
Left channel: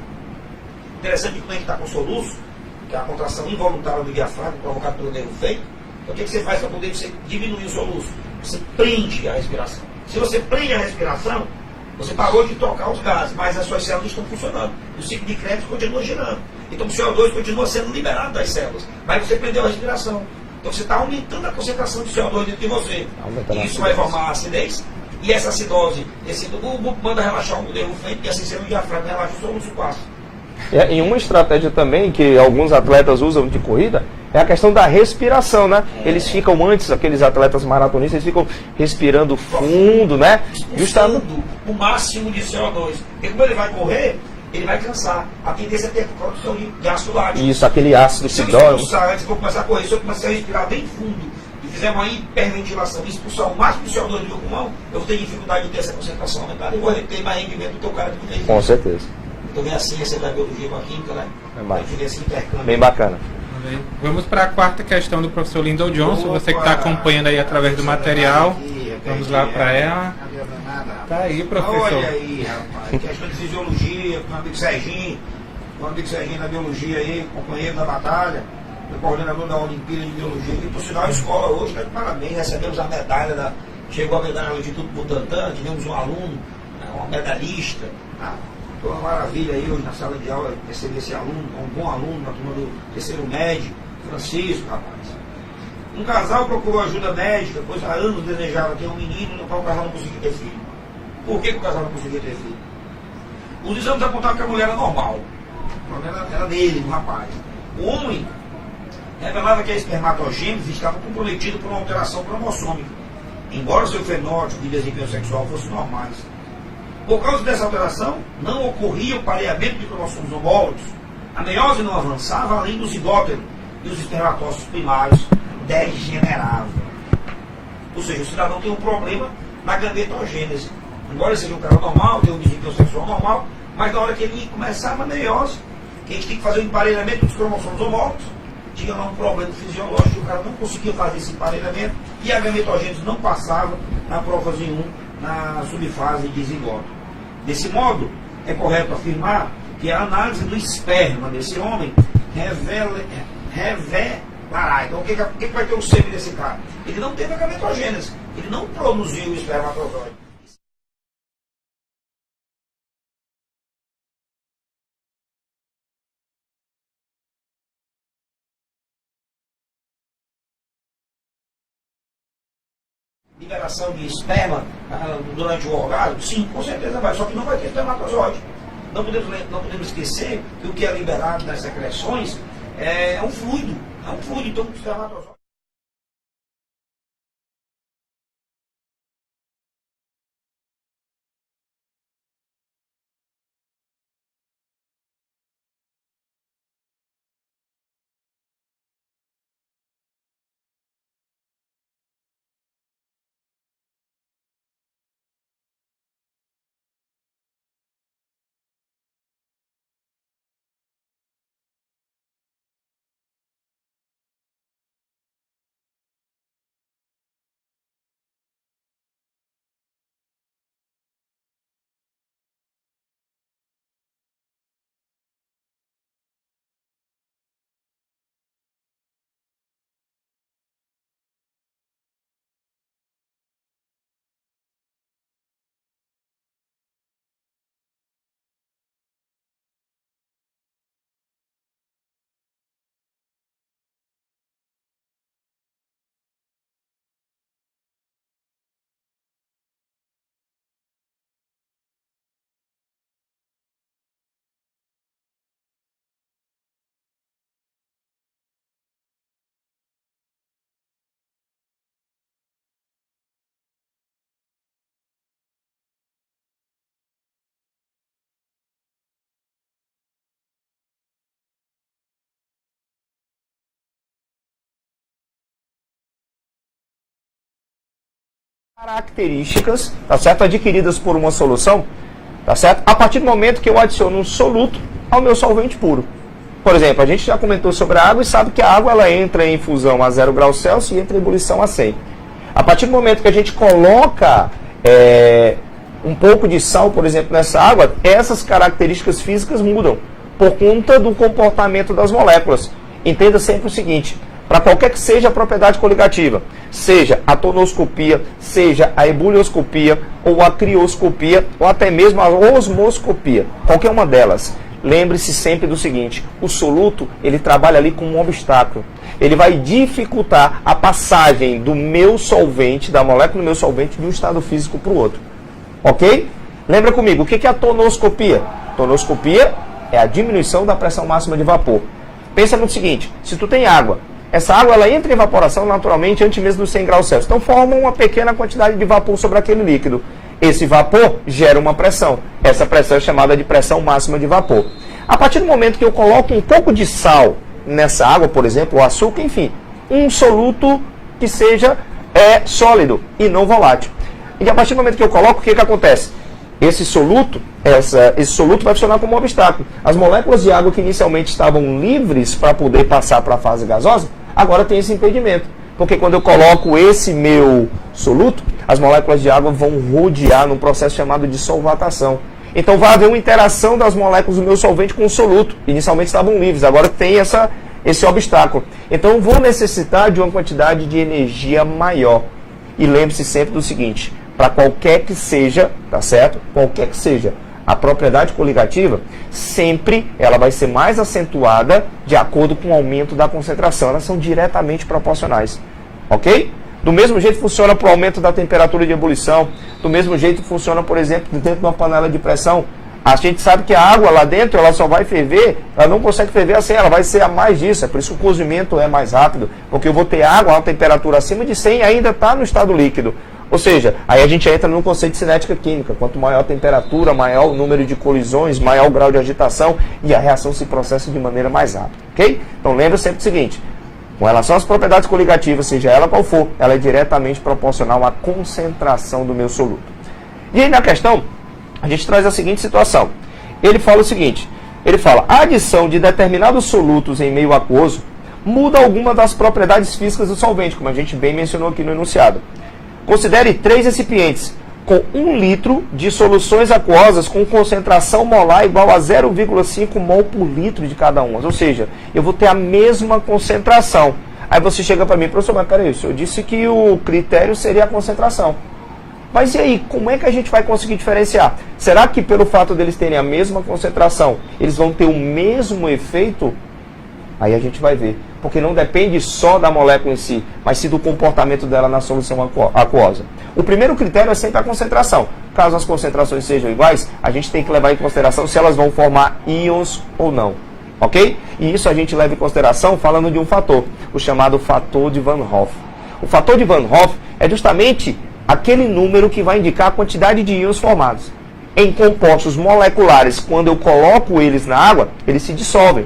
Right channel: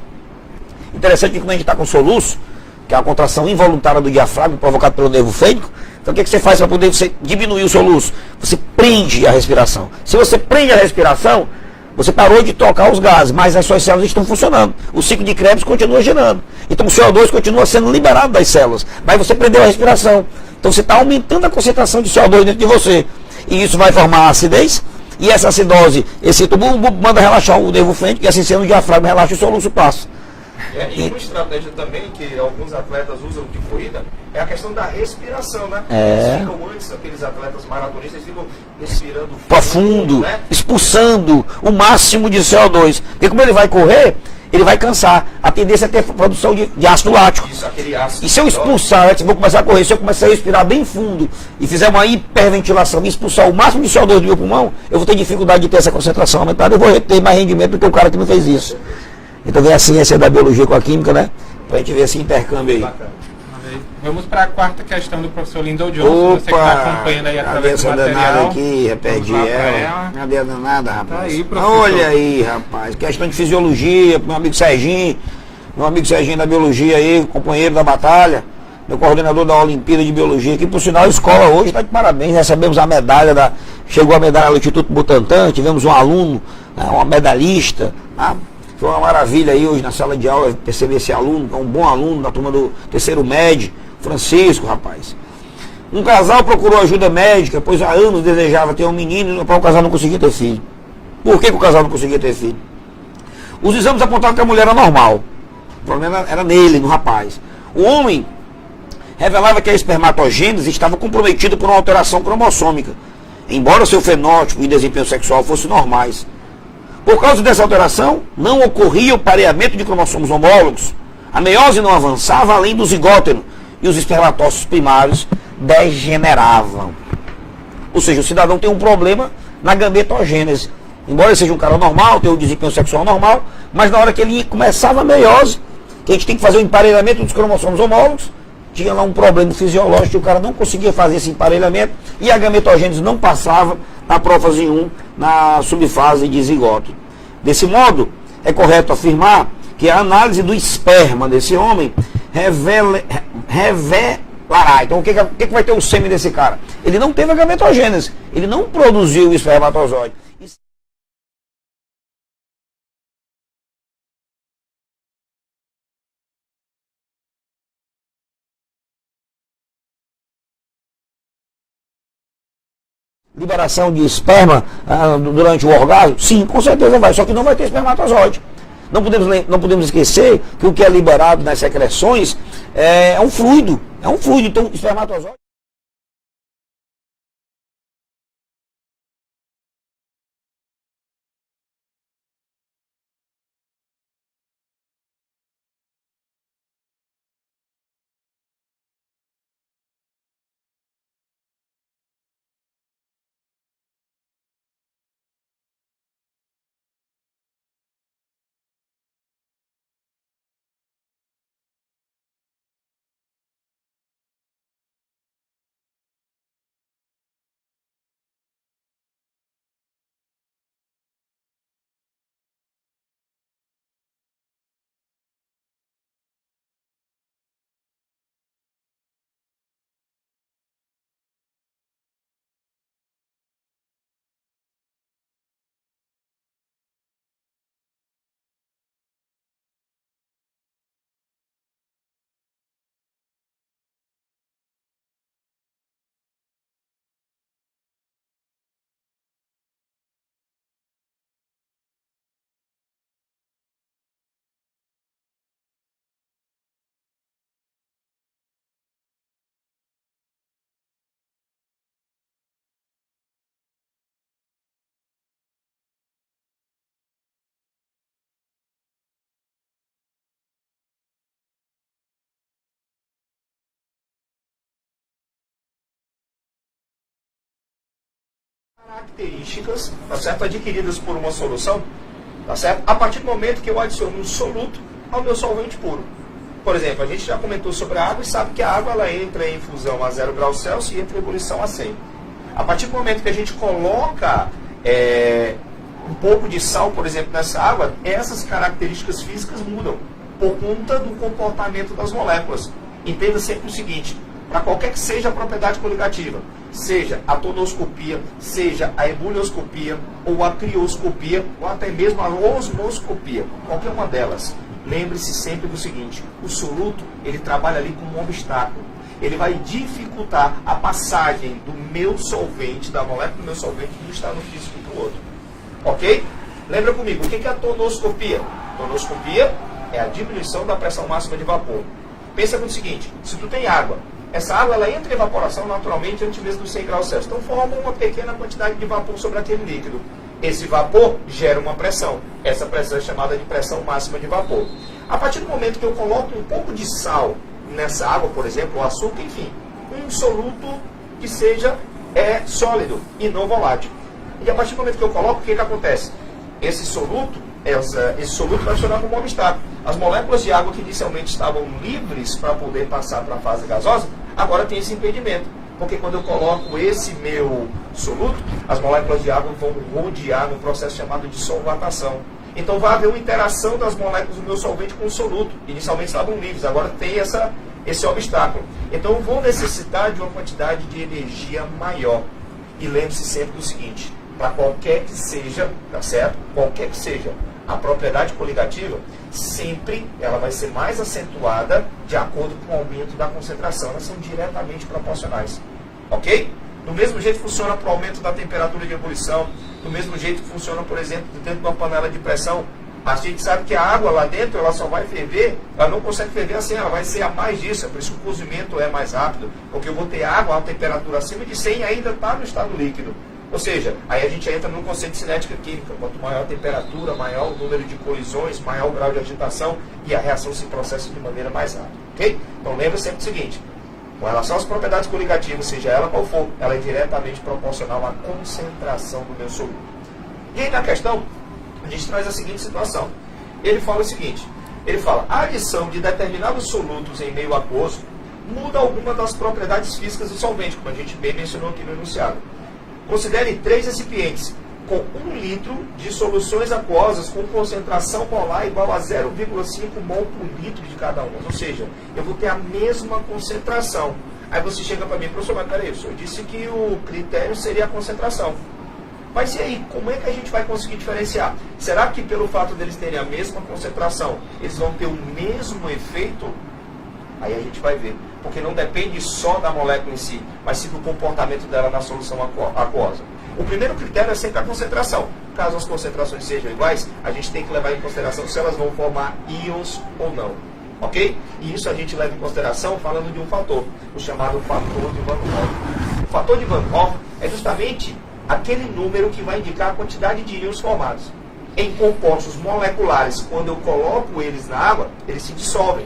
Interessante que quando a gente está com soluço, que é a contração involuntária do diafragma provocada pelo nervo fênico, Então o que você faz para poder você diminuir o soluço? Você prende a respiração. Se você prende a respiração, você parou de trocar os gases, mas as suas células estão funcionando. O ciclo de Krebs continua girando. Então o CO2 continua sendo liberado das células, mas você prendeu a respiração. Então você está aumentando a concentração de CO2 dentro de você. E isso vai formar acidez. E essa acidose, esse tubo manda relaxar o nervo frente, e assim sendo o diafragma relaxa o soluço passa. E uma estratégia também que alguns atletas usam de corrida é a questão da respiração, né? Eles ficam antes, aqueles atletas maratonistas, eles ficam respirando fundo, né? Expulsando o máximo de CO2. E como ele vai correr, ele vai cansar. A tendência é ter produção de ácido lático. Isso, aquele ácido. E se eu expulsar, eu vou começar a correr, se eu começar a respirar bem fundo e fizer uma hiperventilação e expulsar o máximo de CO2 do meu pulmão, eu vou ter dificuldade de ter essa concentração aumentada, eu vou ter mais rendimento do que o cara que não fez isso. Com certeza. Então vem a ciência da biologia com a química, né? Pra gente ver esse intercâmbio Bem aí. bacana. Vamos para a quarta questão do professor Lyndon Johnson, você que está acompanhando aí através do material. Aqui, Vamos lá para ela. Cadê a danada, rapaz? Tá aí, professor. Olha aí, rapaz. Em questão de fisiologia, meu amigo Serginho da biologia aí, companheiro da batalha, meu coordenador da Olimpíada de Biologia aqui, por sinal, a escola hoje está de parabéns, recebemos a medalha chegou a medalha do Instituto Butantan, tivemos um aluno, né, uma medalhista, tá? Foi uma maravilha aí hoje na sala de aula perceber esse aluno, que é um bom aluno da turma do terceiro MED, Francisco, rapaz. Um casal procurou ajuda médica, pois há anos desejava ter um menino, para o casal não conseguia ter filho. Por que o casal não conseguia ter filho? Os exames apontavam que a mulher era normal. O problema era nele, no rapaz. O homem revelava que a espermatogênese estava comprometida por uma alteração cromossômica, embora seu fenótipo e desempenho sexual fossem normais. Por causa dessa alteração, não ocorria o pareamento de cromossomos homólogos, a meiose não avançava além do zigótero e os espermatócitos primários degeneravam. Ou seja, o cidadão tem um problema na gametogênese. Embora ele seja um cara normal, tenha um desempenho sexual normal, mas na hora que ele começava a meiose, que a gente tem que fazer o emparelhamento dos cromossomos homólogos, tinha lá um problema fisiológico, que o cara não conseguia fazer esse emparelhamento e a gametogênese não passava na prófase 1, na subfase de zigoto. Desse modo, é correto afirmar que a análise do esperma desse homem revelará. Então, o que vai ter o sêmen desse cara? Ele não teve a gametogênese, ele não produziu o espermatozoide. Liberação de esperma durante o orgasmo? Sim, com certeza vai, só que não vai ter espermatozoide. Não podemos esquecer que o que é liberado nas secreções é um fluido. Então espermatozoide. Características, tá certo? Adquiridas por uma solução, tá certo? A partir do momento que eu adiciono um soluto ao meu solvente puro. Por exemplo, a gente já comentou sobre a água e sabe que a água ela entra em infusão a 0 graus Celsius e entra em ebulição a 100. A partir do momento que a gente coloca um pouco de sal, por exemplo, nessa água, essas características físicas mudam por conta do comportamento das moléculas. Entenda sempre o seguinte, para qualquer que seja a propriedade coligativa, seja a tonoscopia, seja a ebulioscopia, ou a crioscopia, ou até mesmo a osmoscopia, qualquer uma delas. Lembre-se sempre do seguinte, o soluto, ele trabalha ali como um obstáculo. Ele vai dificultar a passagem do meu solvente, da molécula do meu solvente, de um estado físico para o outro. Ok? Lembra comigo, o que é a tonoscopia? Tonoscopia é a diminuição da pressão máxima de vapor. Pensa no seguinte, se tu tem água, essa água ela entra em evaporação naturalmente antes mesmo dos 100 graus Celsius. Então forma uma pequena quantidade de vapor sobre aquele líquido. Esse vapor gera uma pressão. Essa pressão é chamada de pressão máxima de vapor. A partir do momento que eu coloco um pouco de sal nessa água, por exemplo, ou açúcar, enfim, um soluto que seja sólido e não volátil. E a partir do momento que eu coloco, o que acontece? Esse soluto vai funcionar como um obstáculo. As moléculas de água que inicialmente estavam livres para poder passar para a fase gasosa, agora tem esse impedimento. Porque quando eu coloco esse meu soluto, as moléculas de água vão rodear num processo chamado de solvatação. Então vai haver uma interação das moléculas do meu solvente com o soluto. Inicialmente estavam livres, agora tem esse obstáculo. Então eu vou necessitar de uma quantidade de energia maior. E lembre-se sempre do seguinte, para qualquer que seja, tá certo? Qualquer que seja a propriedade coligativa, sempre ela vai ser mais acentuada de acordo com o aumento da concentração. Elas são diretamente proporcionais, ok? Do mesmo jeito funciona para o aumento da temperatura de ebulição, do mesmo jeito funciona, por exemplo, dentro de uma panela de pressão. A gente sabe que a água lá dentro, ela só vai ferver, ela não consegue ferver assim, ela vai ser a mais disso, é por isso que o cozimento é mais rápido, porque eu vou ter água a uma temperatura acima de 100 e ainda está no estado líquido. Ou seja, aí a gente entra no conceito de cinética química. Quanto maior a temperatura, maior o número de colisões, maior o grau de agitação e a reação se processa de maneira mais rápida. Ok? Então lembra sempre o seguinte, com relação às propriedades coligativas, seja ela qual for, ela é diretamente proporcional à concentração do meu soluto. E aí na questão, a gente traz a seguinte situação. Ele fala o seguinte, ele fala, a adição de determinados solutos em meio aquoso muda alguma das propriedades físicas do solvente, como a gente bem mencionou aqui no enunciado. Considere 3 recipientes com 1 litro de soluções aquosas com concentração molar igual a 0,5 mol por litro de cada uma. Ou seja, eu vou ter a mesma concentração. Aí você chega para mim, professor, mas peraí, o senhor disse que o critério seria a concentração. Mas e aí, como é que a gente vai conseguir diferenciar? Será que pelo fato deles terem a mesma concentração, eles vão ter o mesmo efeito? Aí a gente vai ver. Porque não depende só da molécula em si, mas sim do comportamento dela na solução aquosa. O primeiro critério é sempre a concentração. Caso as concentrações sejam iguais, a gente tem que levar em consideração se elas vão formar íons ou não. Ok? E isso a gente leva em consideração falando de um fator, o chamado fator de Van Hoff. O fator de Van Hoff é justamente aquele número que vai indicar a quantidade de íons formados. Em compostos moleculares, quando eu coloco eles na água, eles se dissolvem.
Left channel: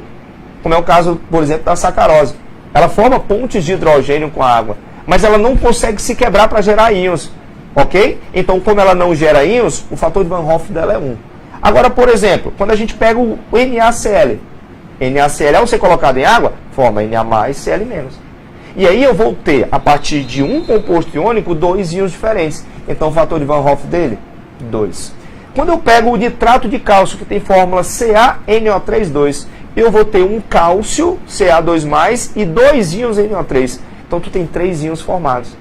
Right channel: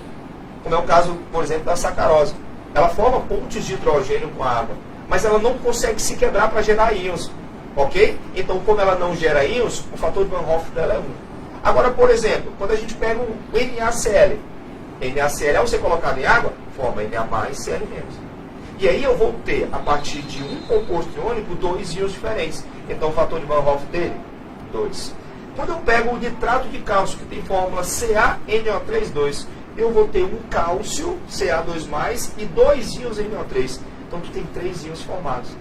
Como é o caso, por exemplo, da sacarose. Ela forma pontes de hidrogênio com a água, mas ela não consegue se quebrar para gerar íons, ok? Então, como ela não gera íons, o fator de Van Hoff dela é 1. Agora, por exemplo, quando a gente pega o NaCl, NaCl, ao ser colocado em água, forma Na mais Cl menos. E aí eu vou ter, a partir de um composto iônico, 2 íons diferentes. Então, o fator de Van Hoff dele, 2. Quando eu pego o nitrato de cálcio, que tem fórmula CaNO3,2, eu vou ter um cálcio, Ca2+, e 2 íons NO3. Então, tu tem 3 íons formados.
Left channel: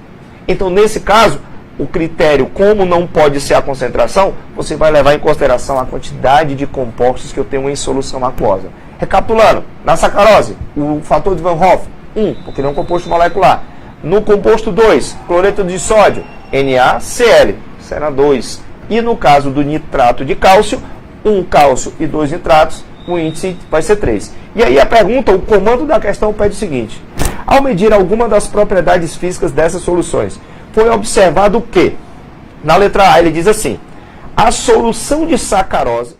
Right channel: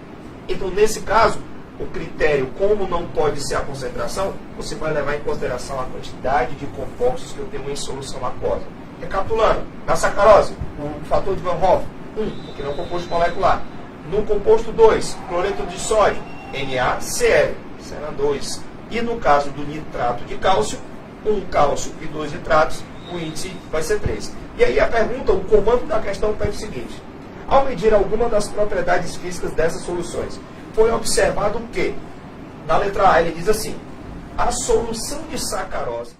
Então, nesse caso, o critério, como não pode ser a concentração, você vai levar em consideração a quantidade de compostos que eu tenho em solução aquosa. Recapitulando, na sacarose, o fator de Van Hoff, 1, porque não é um composto molecular. No composto 2, cloreto de sódio, NaCl, será 2. E no caso do nitrato de cálcio, 1 cálcio e 2 nitratos, o índice vai ser 3. E aí a pergunta, o comando da questão pede o seguinte. Ao medir alguma das propriedades físicas dessas soluções, foi observado que, na letra A, ele diz assim, a solução de sacarose,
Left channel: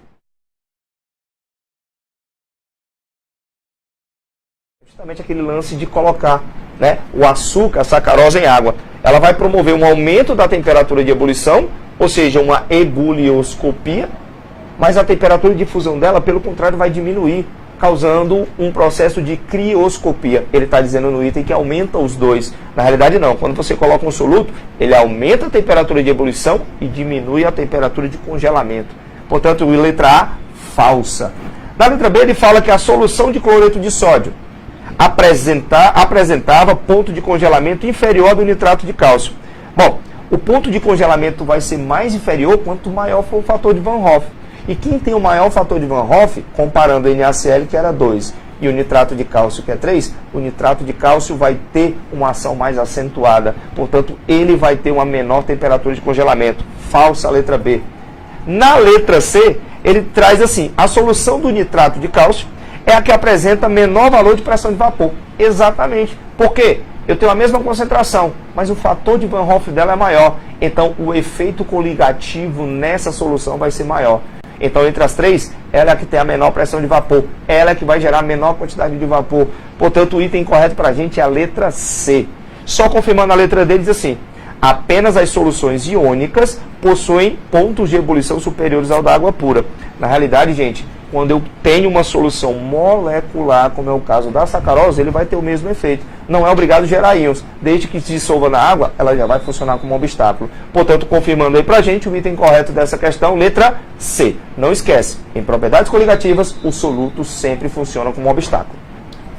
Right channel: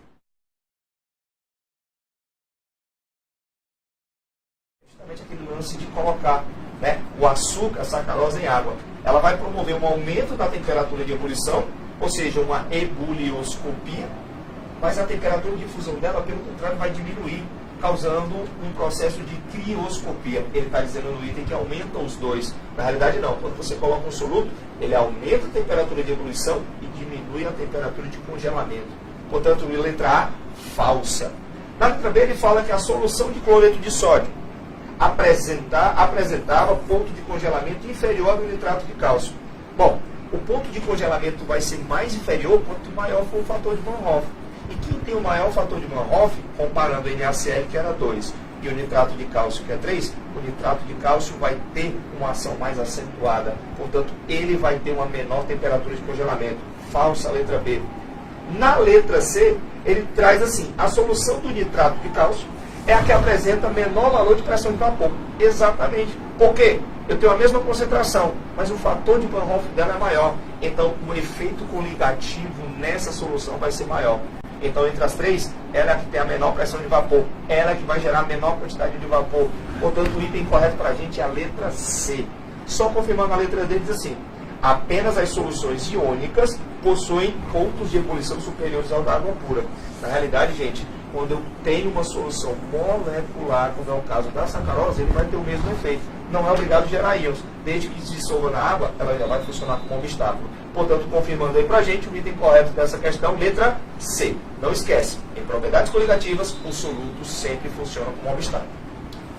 justamente aquele lance de colocar, né, o açúcar, a sacarose em água, ela vai promover um aumento da temperatura de ebulição, ou seja, uma ebulioscopia, mas a temperatura de fusão dela, pelo contrário, vai diminuir, causando um processo de crioscopia. Ele está dizendo no item que aumenta os dois. Na realidade, não. Quando você coloca um soluto, ele aumenta a temperatura de ebulição e diminui a temperatura de congelamento. Portanto, letra A, falsa. Na letra B, ele fala que a solução de cloreto de sódio apresentava ponto de congelamento inferior do nitrato de cálcio. Bom, o ponto de congelamento vai ser mais inferior quanto maior for o fator de Van Hoff. E quem tem o maior fator de Van Hoff, comparando o NaCl, que era 2, e o nitrato de cálcio, que é 3, o nitrato de cálcio vai ter uma ação mais acentuada. Portanto, ele vai ter uma menor temperatura de congelamento. Falsa a letra B. Na letra C, ele traz assim, a solução do nitrato de cálcio é a que apresenta menor valor de pressão de vapor. Exatamente. Por quê? Eu tenho a mesma concentração, mas o fator de Van Hoff dela é maior. Então, o efeito coligativo nessa solução vai ser maior. Então, entre as três, ela é a que tem a menor pressão de vapor. Ela é que vai gerar a menor quantidade de vapor. Portanto, o item correto para a gente é a letra C. Só confirmando a letra D, diz assim: apenas as soluções iônicas possuem pontos de ebulição superiores ao da água pura. Na realidade, gente, quando eu tenho uma solução molecular, como é o caso da sacarose, ele vai ter o mesmo efeito. Não é obrigado a gerar íons. Desde que se dissolva na água, ela já vai funcionar como obstáculo. Portanto, confirmando aí pra gente o item correto dessa questão, letra C. Não esquece, em propriedades coligativas, o soluto sempre funciona como obstáculo.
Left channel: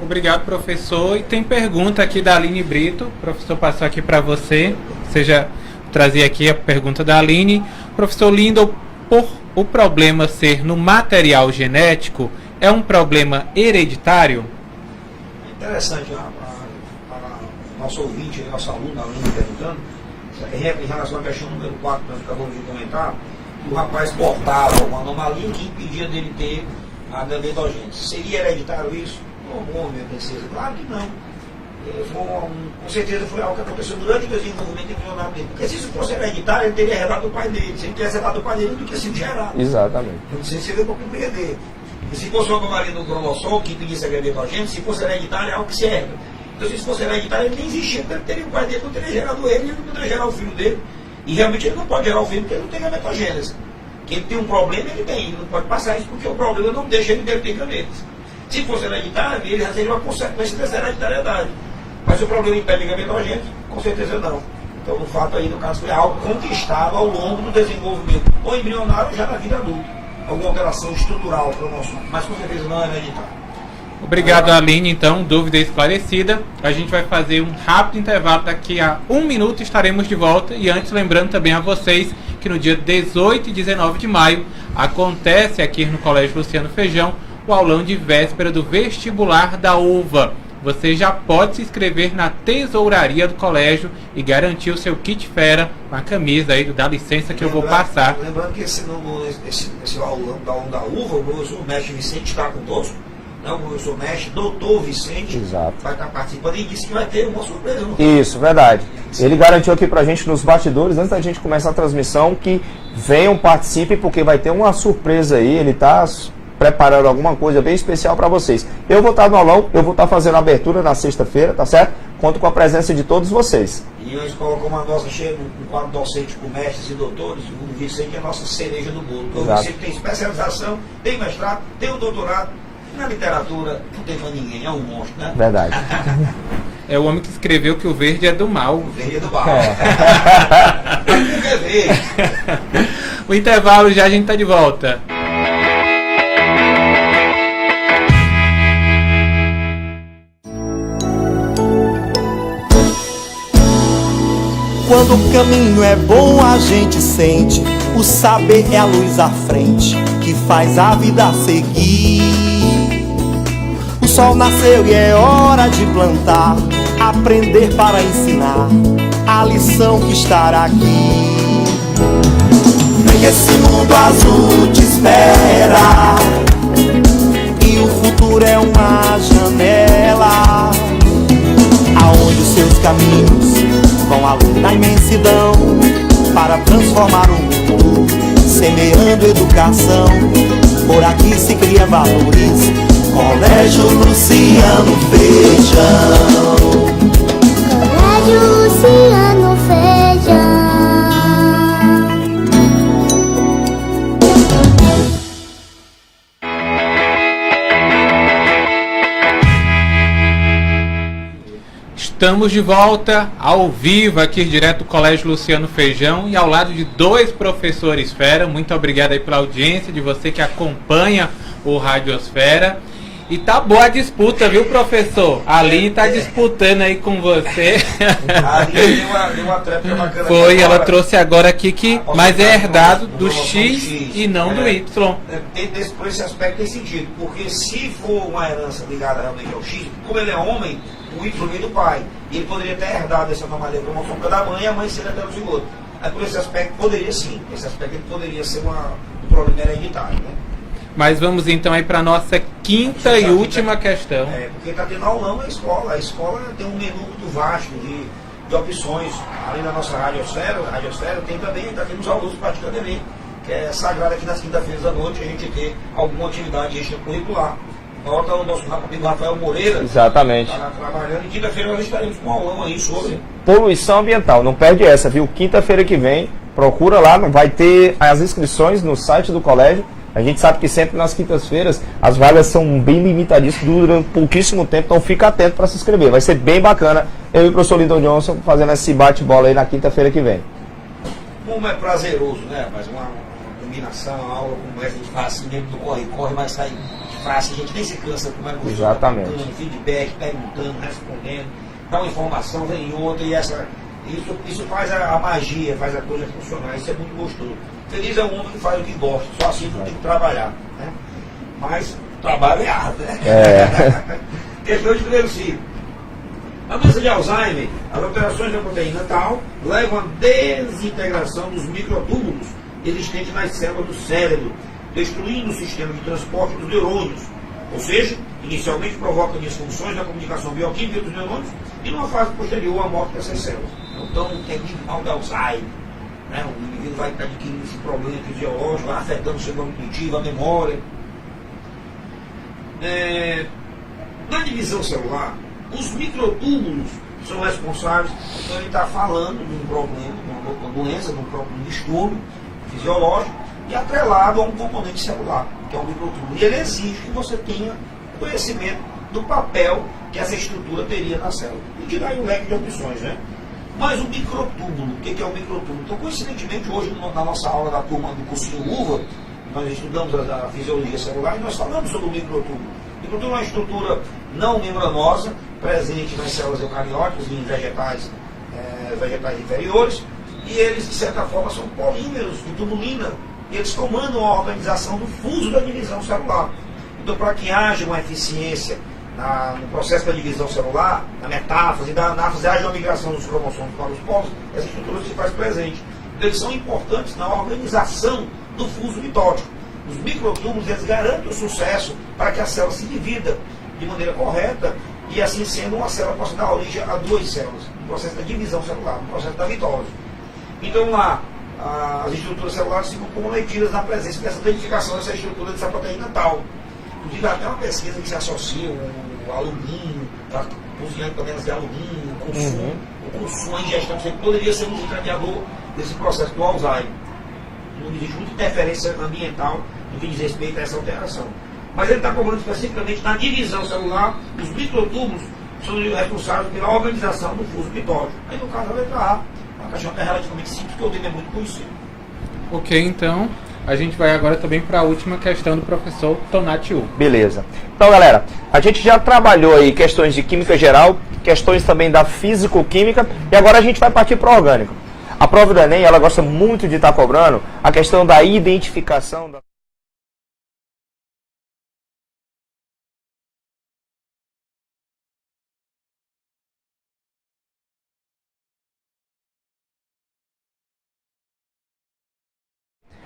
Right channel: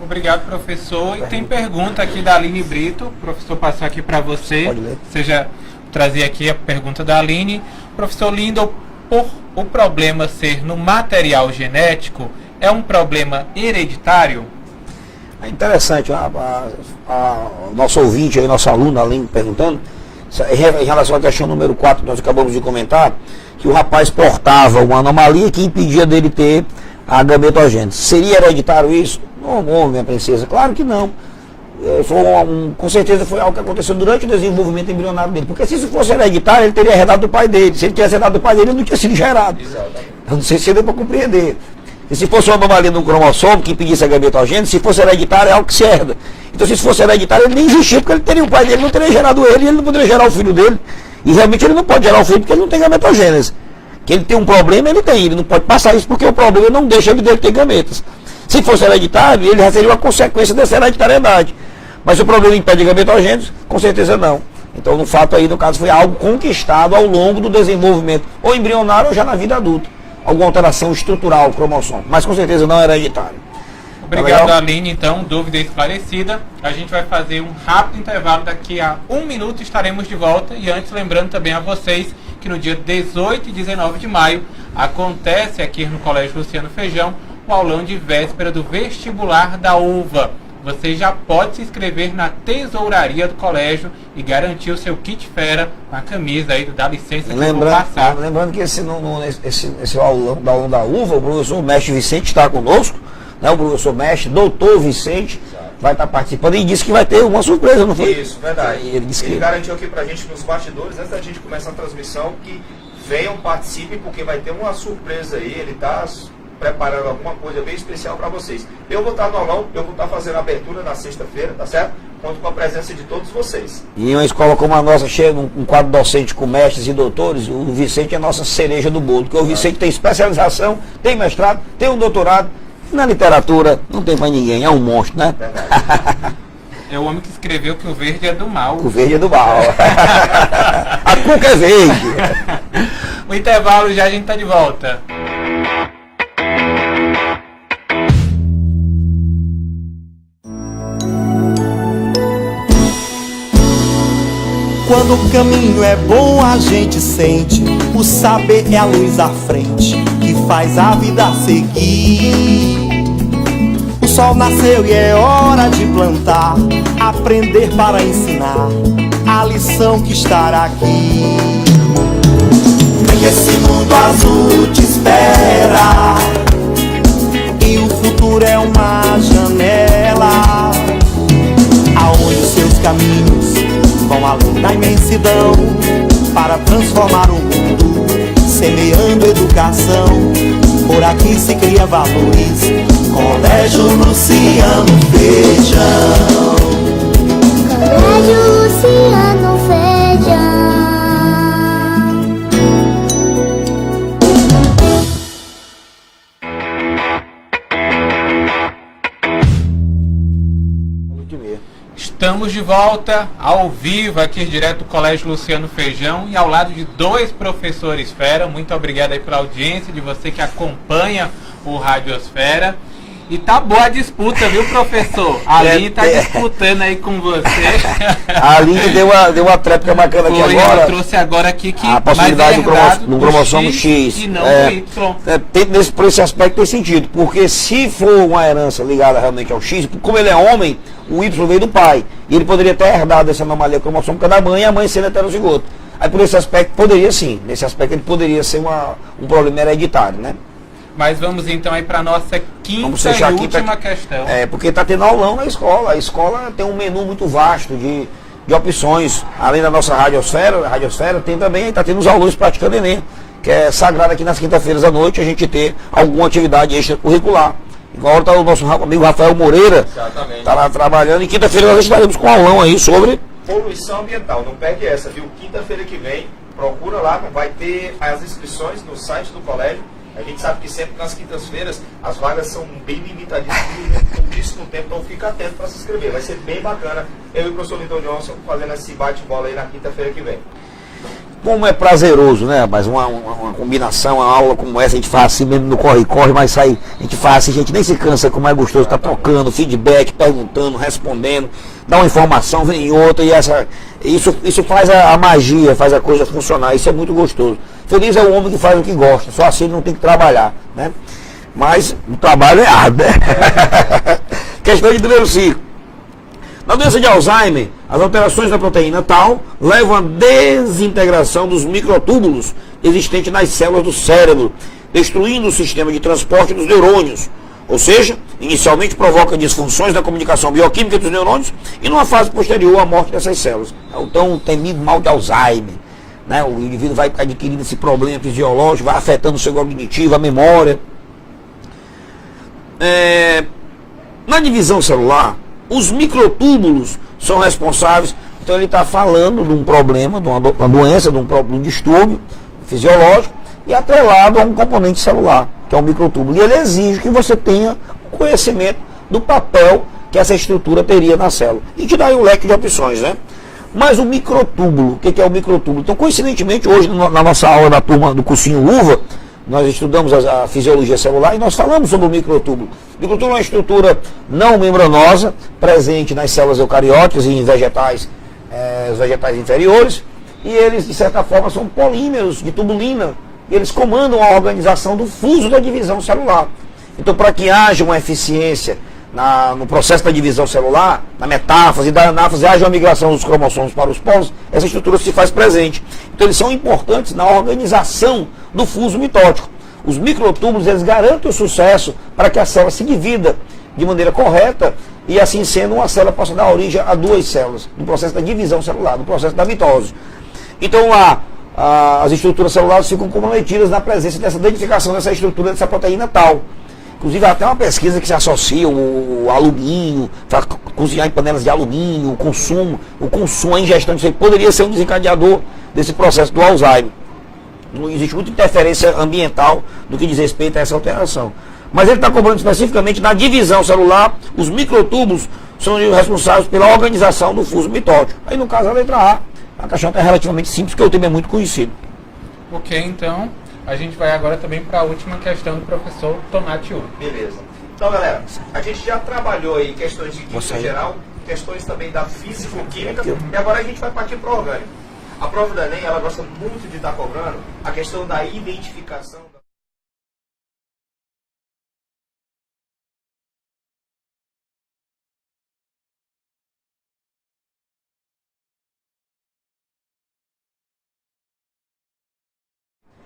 Obrigado, professor. E tem pergunta aqui da Aline Brito. O professor passou aqui para você. Você já trazia aqui a pergunta da Aline. Professor Lindon, por o problema ser no material genético, é um problema hereditário? É interessante, o nosso ouvinte, aí, nosso aluno, Aline, perguntando, em relação à questão número 4, que nós acabamos de comentar, que o rapaz portava uma anomalia que impedia dele ter a gametogênese. Seria hereditário isso? Não, minha princesa, claro que não. Com certeza foi algo que aconteceu durante o desenvolvimento embrionário dele. Porque se isso fosse hereditário, ele teria herdado do pai dele. Se ele tivesse herdado do pai dele, ele não tinha sido gerado. Exatamente. Eu não sei se deu para compreender. E se fosse uma anomalia no cromossomo que impedisse a gametogênese, se fosse hereditário, é algo que se herda. Então, se isso fosse hereditário, ele nem existia, porque ele teria o pai dele, não teria gerado ele, e ele não poderia gerar o filho dele. E realmente ele não pode gerar o filho porque ele não tem gametogênese. Que ele tem um problema, ele tem. Ele não pode passar isso porque o problema não deixa ele dele ter gametas. Se fosse hereditário, ele já seria uma consequência dessa hereditariedade. Mas o problema impede a gametogênese? Com certeza não. Então, no fato aí, no caso, foi algo conquistado ao longo do desenvolvimento, ou embrionário ou já na vida adulta. Alguma alteração estrutural, cromossomo. Mas com certeza não era hereditário. Obrigado, Aline. Então, dúvida esclarecida. A gente vai fazer um rápido intervalo. Daqui a 1 minuto estaremos de volta. E antes, lembrando também a vocês que no dia 18 e 19 de maio acontece aqui no Colégio Luciano Feijão o aulão de véspera do vestibular da UVA. Você já pode se inscrever na tesouraria do colégio e garantir o seu kit fera com a camisa aí do Dá Licença que eu vou passar. Lembrando que esse aulão da UVA, o professor mestre Vicente está conosco, né? O professor mestre, doutor Vicente, exato, vai estar participando e disse que vai ter uma surpresa, não foi? Isso, verdade. Ele garantiu aqui pra gente nos bastidores, antes da gente começar a transmissão, que venham, participem, porque vai ter uma surpresa aí, ele está preparando alguma coisa bem especial para vocês. Eu vou estar no aulão, eu vou estar fazendo a abertura na sexta-feira, tá certo? Conto com a presença de todos vocês. E uma escola como a nossa, cheia um quadro docente com mestres e doutores, o Vicente é a nossa cereja do bolo, porque o Vicente tem especialização, tem mestrado, tem um doutorado, na literatura não tem mais ninguém, é um monstro, né? Verdade. É o homem que escreveu que o verde é do mal. O verde é do mal. A cuca é verde. O intervalo já, a gente tá de volta. Quando o caminho é bom, a gente sente. O saber é a luz à frente que faz a vida seguir. O sol nasceu e é hora de plantar, aprender para ensinar a lição que está aqui. Vem que esse mundo azul te espera e o futuro é uma janela aonde os seus caminhos vão além da imensidão para transformar o mundo, semeando educação. Por aqui se cria valores. Colégio Luciano Feijão. Colégio Luciano Feijão. Estamos de volta ao vivo aqui direto do Colégio Luciano Feijão e ao lado de 2 professores fera. Muito obrigado aí pela audiência de você que acompanha o Radiosfera. E tá boa a disputa, viu, professor? Ali tá disputando aí com você. A Aline deu uma tréplica bacana aqui Foi, agora. ela trouxe agora aqui que mas é herdado do X e não do Y. Por esse aspecto tem sentido, porque se for uma herança ligada realmente ao X, como ele é homem, o Y veio do pai. E ele poderia ter herdado essa anomalia cromossômica da mãe e a mãe sendo heterozigoto. Aí por esse aspecto poderia sim, nesse aspecto ele poderia ser um problema hereditário, né? Mas vamos então aí para nossa quinta e última questão. Porque está tendo aulão na escola. A escola tem um menu muito vasto de opções. Além da nossa radiosfera tem também, está tendo os alunos praticando Enem, que é sagrado aqui nas quintas-feiras à noite a gente ter alguma atividade extracurricular. Igual está o nosso amigo Rafael Moreira. Exatamente. Está lá trabalhando. E quinta-feira nós estaremos com um aulão aí sobre poluição ambiental. Não perde essa, viu? Quinta-feira que vem, procura lá, vai ter as inscrições no site do colégio. A gente sabe que sempre nas quintas-feiras as vagas são bem limitadíssimas, duram pouquíssimo tempo, então fica atento para se inscrever. Vai ser bem bacana eu e o professor Linton Johnson fazendo esse bate-bola aí na quinta-feira que vem. Como é prazeroso, né? Mas uma combinação, uma aula como essa, a gente faz assim mesmo no corre-corre, mas sai, a gente faz assim, a gente nem se cansa, como é gostoso, tá tocando, feedback, perguntando, respondendo, dá uma informação, vem outra, e isso faz a magia, faz a coisa funcionar, isso é muito gostoso. Feliz é o homem que faz o que gosta, só assim ele não tem que trabalhar, né? Mas o trabalho é árduo, né? Questão de número 5. Na doença de Alzheimer, as alterações da proteína tau levam à desintegração dos microtúbulos existentes nas células do cérebro, destruindo o sistema de transporte dos neurônios. Ou seja, inicialmente provoca disfunções da comunicação bioquímica dos neurônios e numa fase posterior à morte dessas células. É o tão temido mal de Alzheimer. Né? O indivíduo vai adquirindo esse problema fisiológico, vai afetando o seu cognitivo, a memória. Na divisão celular, os microtúbulos são responsáveis. Então ele está falando de um problema, de uma doença, de um distúrbio fisiológico e atrelado a um componente celular, que é o microtúbulo. E ele exige que você tenha conhecimento do papel que essa estrutura teria na célula. E te dá aí um leque de opções, né? Mas o microtúbulo, o que é o microtúbulo? Então, coincidentemente, hoje na nossa aula da turma do cursinho Luva, nós estudamos a fisiologia celular e nós falamos sobre o microtúbulo. O microtúbulo é uma estrutura não membranosa, presente nas células eucarióticas e em vegetais, os vegetais inferiores, e eles, de certa forma, são polímeros de tubulina, e eles comandam a organização do fuso da divisão celular. Então, para que haja uma eficiência no processo da divisão celular, na metáfase e da anáfase, haja uma migração dos cromossomos para os polos, essa estrutura se faz presente. Então eles são importantes na organização do fuso mitótico. Os microtúbulos, eles garantem o sucesso para que a célula se divida de maneira correta e assim sendo uma célula possa dar origem a duas células, no processo da divisão celular, no processo da mitose. Então as estruturas celulares ficam comprometidas na presença dessa identificação dessa estrutura, dessa proteína tau. Inclusive, há até uma pesquisa que se associa o alumínio, para cozinhar em panelas de alumínio, o consumo, a ingestão disso poderia ser um desencadeador desse processo do Alzheimer. Não existe muita interferência ambiental no que diz respeito a essa alteração. Mas ele está cobrando especificamente na divisão celular, os microtúbulos são responsáveis pela organização do fuso mitótico. Aí, no caso, a letra A questão é relativamente simples, porque o tema é muito conhecido. Ok, então... A gente vai agora também para a última questão do professor Tonatiuh. Beleza. Então, galera, a gente já trabalhou aí questões de química geral, questões também da físico-química, e agora a gente vai partir para o orgânico. A prova do Enem, ela gosta muito de estar cobrando a questão da identificação da...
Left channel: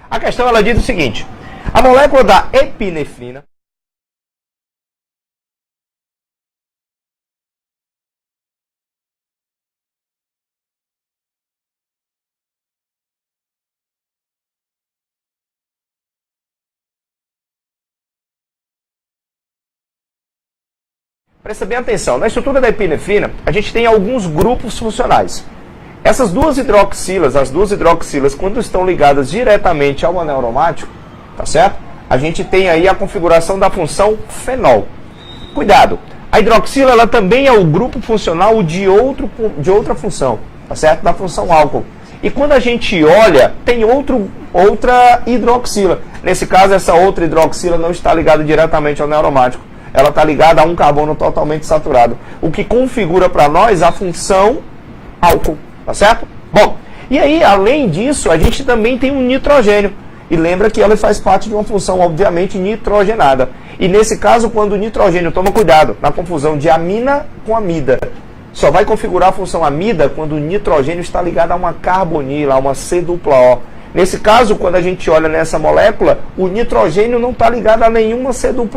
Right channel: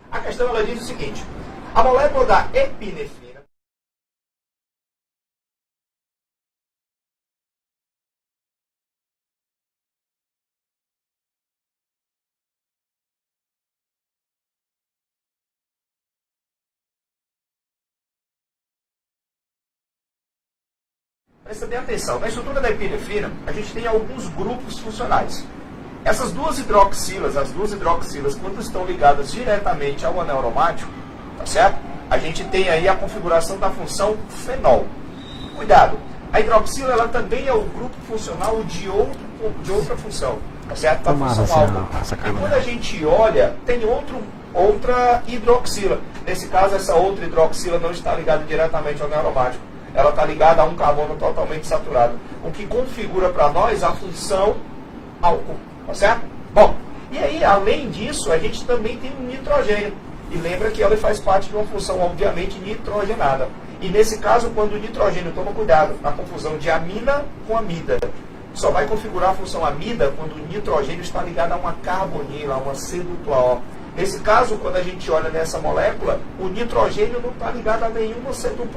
A questão, ela diz o seguinte: a molécula da epinefrina presta bem atenção, na estrutura da epinefrina a gente tem alguns grupos funcionais. Essas duas hidroxilas, quando estão ligadas diretamente ao anel aromático, tá certo? A gente tem aí a configuração da função fenol. Cuidado, a hidroxila, ela também é o grupo funcional de outra função, tá certo? Da função álcool. E quando a gente olha, tem outra hidroxila. Nesse caso, essa outra hidroxila não está ligada diretamente ao anel aromático. ela está ligada a um carbono totalmente saturado, o que configura para nós a função álcool, tá certo? Bom, e aí, além disso, a gente também tem um nitrogênio. E lembra que ela faz parte de uma função, obviamente, nitrogenada. E nesse caso, quando o nitrogênio, toma cuidado, na confusão de amina com amida, só vai configurar a função amida quando o nitrogênio está ligado a uma carbonila, a uma C-O. Nesse caso, quando a gente olha nessa molécula, o nitrogênio não está ligado a nenhuma C-O,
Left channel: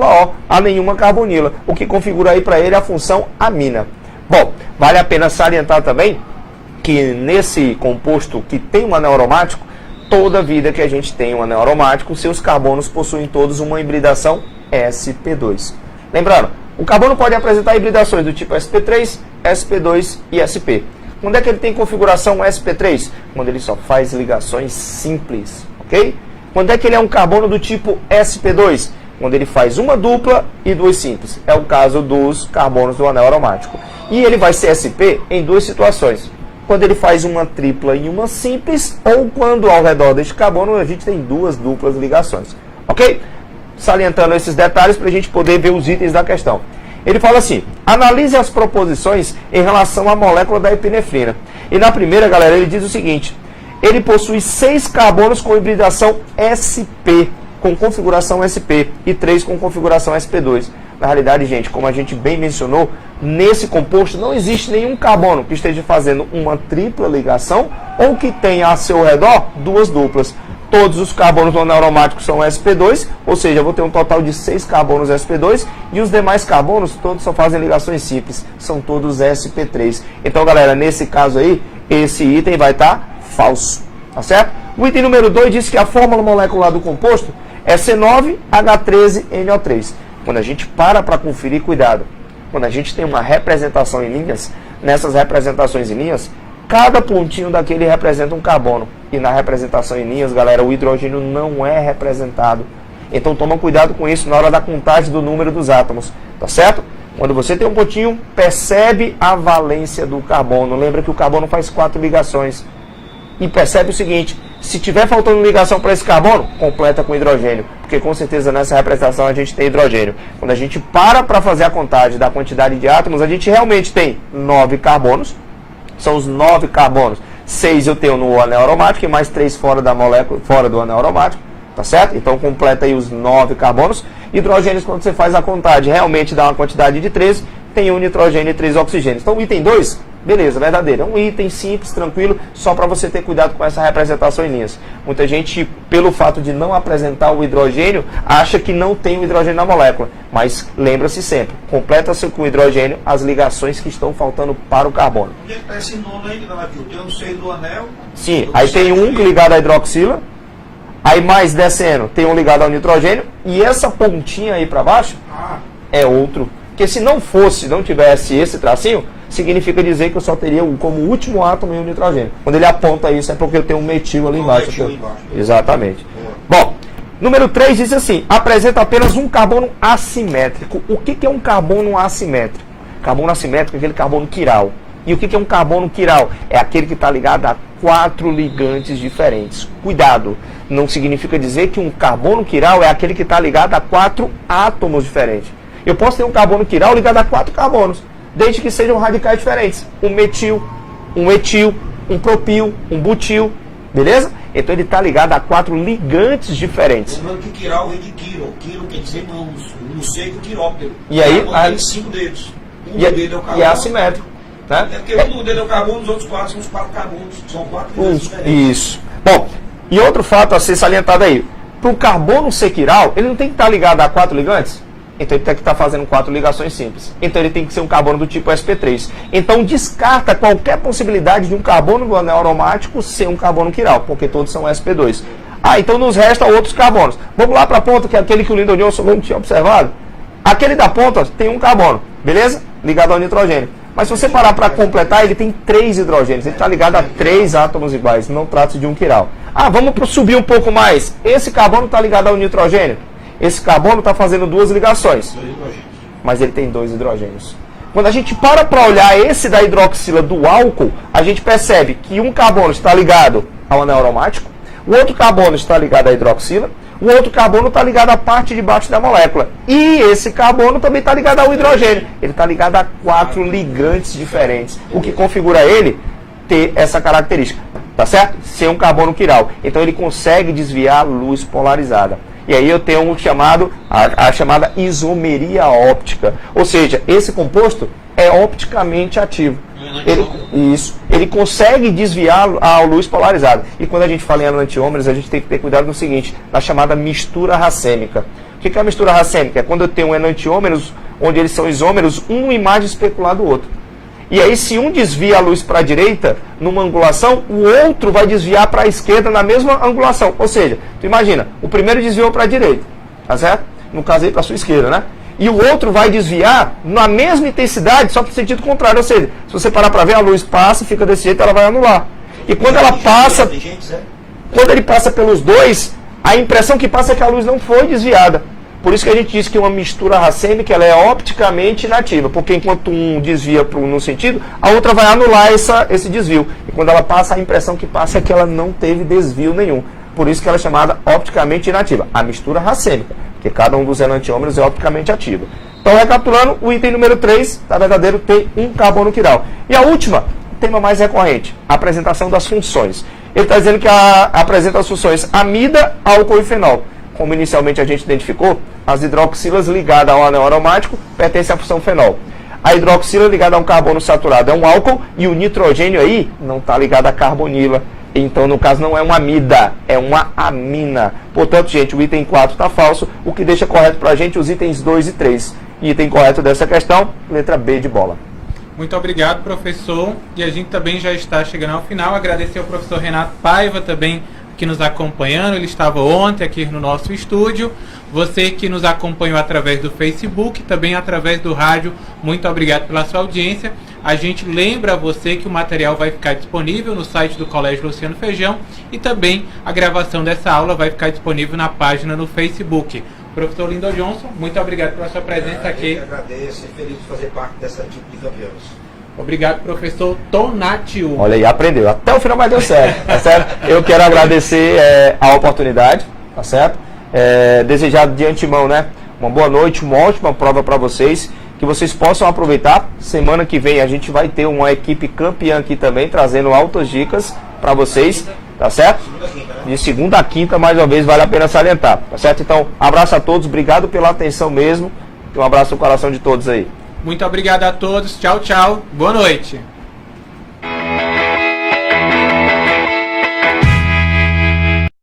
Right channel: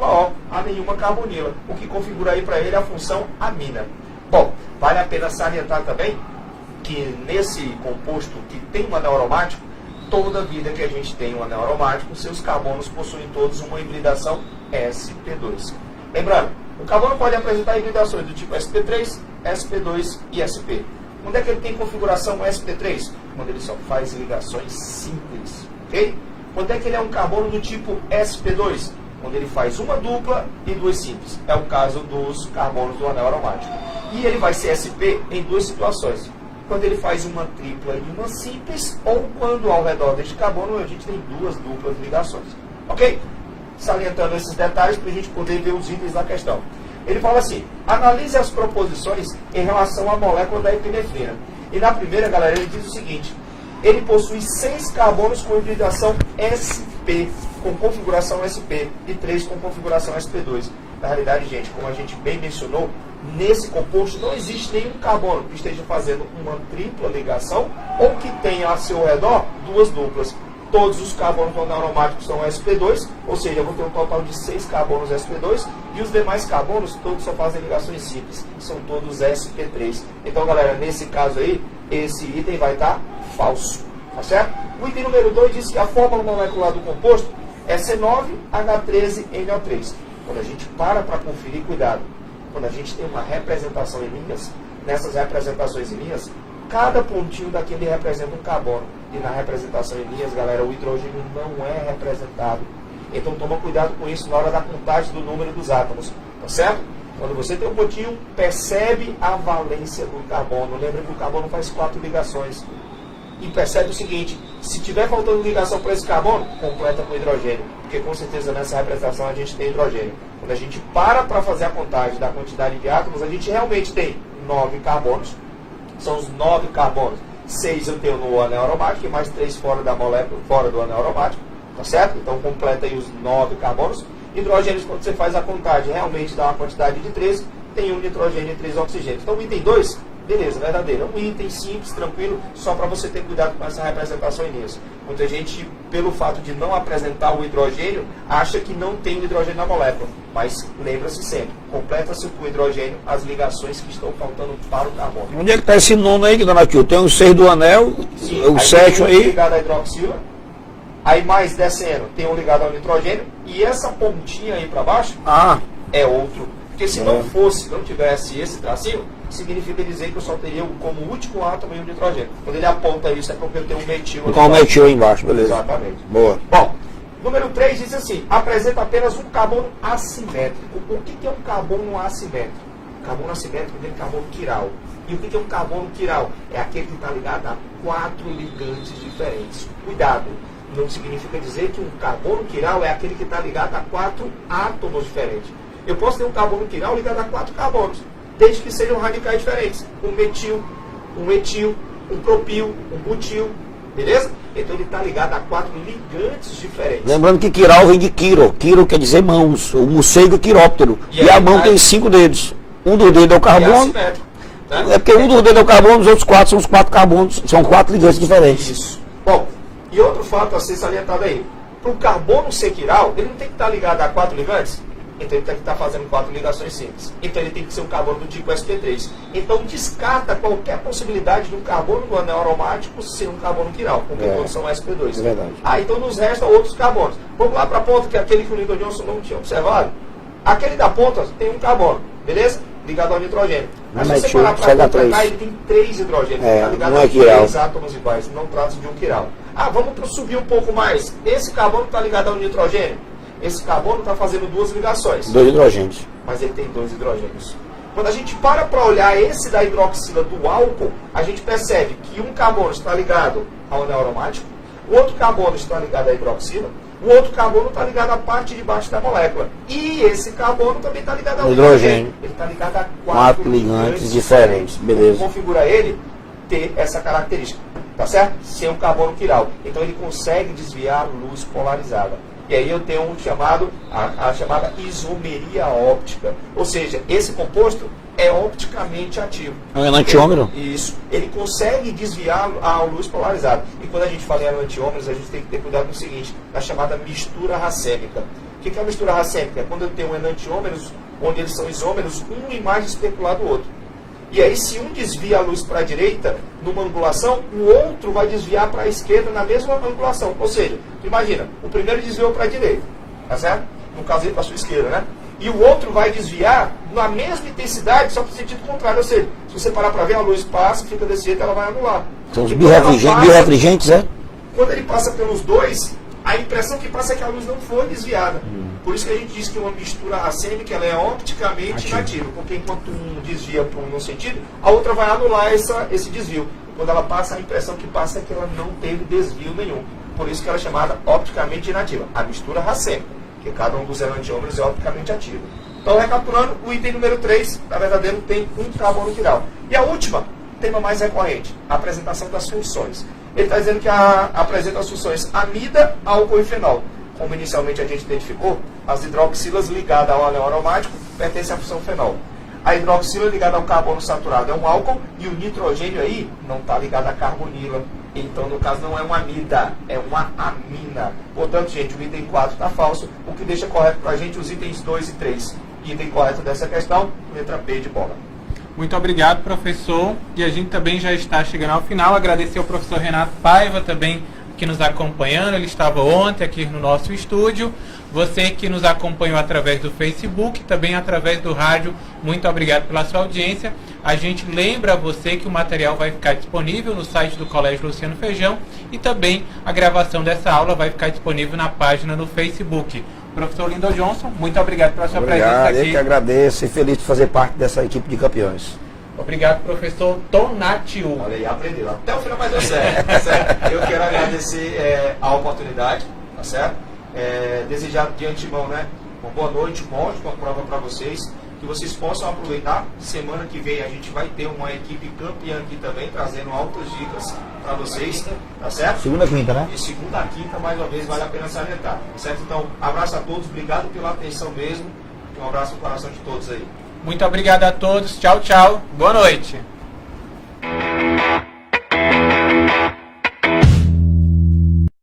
a nenhuma carbonila, o que configura aí para ele a função amina. Bom, vale a pena salientar também que nesse composto que tem um anel aromático, toda vida que a gente tem um anel aromático, seus carbonos possuem todos uma hibridação sp2. Lembrando, o carbono pode apresentar hibridações do tipo sp3, sp2 e sp. Quando é que ele tem configuração sp3? Quando ele só faz ligações simples, ok? Quando é que ele é um carbono do tipo sp2? Quando ele faz uma dupla e duas simples. É o caso dos carbonos do anel aromático. E ele vai ser sp em duas situações. Quando ele faz uma tripla e uma simples, ou quando ao redor deste carbono a gente tem duas duplas ligações. Ok? Salientando esses detalhes para a gente poder ver os itens da questão. Ele fala assim, analise as proposições em relação à molécula da epinefrina. E na primeira, galera, ele diz o seguinte, ele possui 6 carbonos com hibridação sp, com configuração sp, e 3 com configuração sp2. Na realidade, gente, como a gente bem mencionou, nesse composto não existe nenhum carbono que esteja fazendo uma tripla ligação ou que tenha a seu redor duas duplas. Todos os carbonos do anel aromático são sp2, ou seja, eu vou ter um total de 6 carbonos sp2 e os demais carbonos todos só fazem ligações simples, são todos sp3. Então, galera, nesse caso aí, esse item vai estar falso, tá certo? O item número 2 diz que a fórmula molecular do composto é C9H13NO3. Quando a gente para conferir, cuidado, quando a gente tem uma representação em linhas, nessas representações em linhas, cada pontinho daquele representa um carbono. E na representação em linhas, galera, o hidrogênio não é representado. Então toma cuidado com isso na hora da contagem do número dos átomos, tá certo? Quando você tem um pontinho, percebe a valência do carbono. Lembra que o carbono faz 4 ligações. E percebe o seguinte, se tiver faltando ligação para esse carbono, completa com hidrogênio. Porque com certeza nessa representação a gente tem hidrogênio. Quando a gente para fazer a contagem da quantidade de átomos, a gente realmente tem 9 carbonos. São os 9 carbonos. 6 eu tenho no anel aromático e mais 3 fora da molécula, fora do anel aromático. Tá certo? Então completa aí os 9 carbonos. Hidrogênios, quando você faz a contagem, realmente dá uma quantidade de 13. Tem um nitrogênio e 3 oxigênios. Então o item 2, beleza, verdadeiro. É um item simples, tranquilo, só para você ter cuidado com essa representação em linhas. Muita gente, pelo fato de não apresentar o hidrogênio, acha que não tem o hidrogênio na molécula. Mas lembra-se sempre, completa-se com o hidrogênio as ligações que estão faltando para o carbono. Onde é que está esse nono aí, dona Aquil? Tem os 6 do anel. Sim, aí tem um ligado à hidroxila. Aí mais descendo, tem um ligado ao nitrogênio. E essa pontinha aí para baixo é outro. Porque se não fosse, não tivesse esse tracinho, significa dizer que eu só teria como último átomo o nitrogênio. Quando ele aponta isso, é porque eu tenho um metil ali embaixo. Metil aí embaixo, beleza. Exatamente. Boa. Bom, número 3 diz assim, apresenta apenas um carbono assimétrico. O que é um carbono assimétrico? Carbono assimétrico é aquele carbono quiral. E o que é um carbono quiral? É aquele que está ligado a 4 ligantes diferentes. Cuidado, não significa dizer que um carbono quiral é aquele que está ligado a 4 átomos diferentes. Eu posso ter um carbono quiral ligado a 4 carbonos, desde que sejam radicais diferentes. Um metil, um etil, um propil, um butil, beleza? Então ele está ligado a 4 ligantes diferentes. Lembrando que quiral vem de quiro. Quiro quer dizer mãos. O morcego quiróptero. E aí, a mão tem 5 dedos. Um dos dedos é o carbono. É assimétrico. Tá? É porque um dos dedos é o carbono, os outros 4 são os 4 carbonos. São 4 ligantes diferentes. Isso. Bom, e outro fato a ser salientado aí. Para o carbono ser quiral, ele não tem que estar ligado a 4 ligantes? Então ele tem que estar fazendo 4 ligações simples. Então ele tem que ser um carbono do tipo sp3. Então descarta qualquer possibilidade de um carbono do anel aromático ser um carbono quiral, porque todos são sp2. Então nos restam outros carbonos. Vamos lá para a ponta, que é aquele que o Lyndon Johnson não tinha observado. Aquele da ponta tem um carbono, beleza? Ligado ao nitrogênio. Mas se você parar para completar, ele tem 3 hidrogênios. Ele está ligado a 3 átomos iguais. Não trata-se de um quiral. Vamos subir um pouco mais. Esse carbono está ligado ao nitrogênio. Esse carbono está fazendo 2 ligações. 2 hidrogênios. Mas ele tem 2 hidrogênios. Quando a gente para olhar esse da hidroxila do álcool, a gente percebe que um carbono está ligado ao anel aromático, o outro carbono está ligado à hidroxila, O outro carbono está ligado à parte de baixo da molécula. E esse carbono também está ligado ao hidrogênio. Ele está ligado a quatro ligantes diferentes. O que configura ele ter essa característica. Tá certo? Ser um carbono quiral. Então ele consegue desviar a luz polarizada. E aí eu tenho a chamada isomeria óptica. Ou seja, esse composto é opticamente ativo. É um enantiômero? Isso. Ele consegue desviar a luz polarizada. E quando a gente fala em enantiômeros, a gente tem que ter cuidado no seguinte, na chamada mistura racêmica. O que é a mistura racêmica? É quando eu tenho enantiômeros, onde eles são isômeros, um imagem especular do outro. E aí, se um desvia a luz para a direita, numa angulação, o outro vai desviar para a esquerda na mesma angulação. Ou seja, tu imagina, o primeiro desviou para a direita, tá certo? No caso aí, para a sua esquerda, né? E o outro vai desviar na mesma intensidade, só para o sentido contrário. Ou seja, se você parar para ver, a luz passa, fica desse jeito, ela vai anular. E quando ela passa, quando ele passa pelos dois, a impressão que passa é que a luz não foi desviada. Por isso que a gente diz que uma mistura racêmica ela é opticamente inativa, porque enquanto um desvia num sentido, a outra vai anular esse desvio. E quando ela passa, a impressão que passa é que ela não teve desvio nenhum. Por isso que ela é chamada opticamente inativa, a mistura racêmica, que cada um dos enantiômeros é opticamente ativo. Então, recapitulando, o item número 3 da verdadeiro tem um carbono quiral. E a última, tema mais recorrente, a apresentação das funções. Ele está dizendo que apresenta as funções amida, álcool e fenol. Como inicialmente a gente identificou, as hidroxilas ligadas ao anel aromático pertencem à função fenol. A hidroxila ligada a um carbono saturado é um álcool e o nitrogênio aí não está ligado à carbonila. Então, no caso, não é uma amida, é uma amina. Portanto, gente, o item 4 está falso, o que deixa correto para a gente os itens 2 e 3. Item correto dessa questão, letra B de bola. Muito obrigado, professor. E a gente também já está chegando ao final. Agradecer ao professor Renato Paiva também, que nos acompanhando, ele estava ontem aqui no nosso estúdio. Você que nos acompanhou através do Facebook, também através do rádio, muito obrigado pela sua audiência. A gente lembra a você que o material vai ficar disponível no site do Colégio Luciano Feijão e também a gravação dessa aula vai ficar disponível na página no Facebook. Professor Lindon Johnson, muito obrigado pela sua presença aqui. Eu que agradeço e feliz de fazer parte dessa equipe de campeões. Obrigado, professor Tonatiuh. Olha aí, aprendeu. Até o final, mas deu certo, tá certo? Eu quero agradecer a oportunidade, tá certo? Desejar de antemão, né? Uma boa noite, uma ótima prova para vocês. Que vocês possam aproveitar. Semana que vem a gente vai ter uma equipe campeã aqui também, trazendo altas dicas para vocês, tá certo? Segunda a quinta, né? De segunda a quinta, mais uma vez, vale a pena salientar, tá certo? Então, abraço a todos, obrigado pela atenção mesmo. Um abraço no coração de todos aí. Muito obrigado a todos. Tchau, tchau. Boa noite.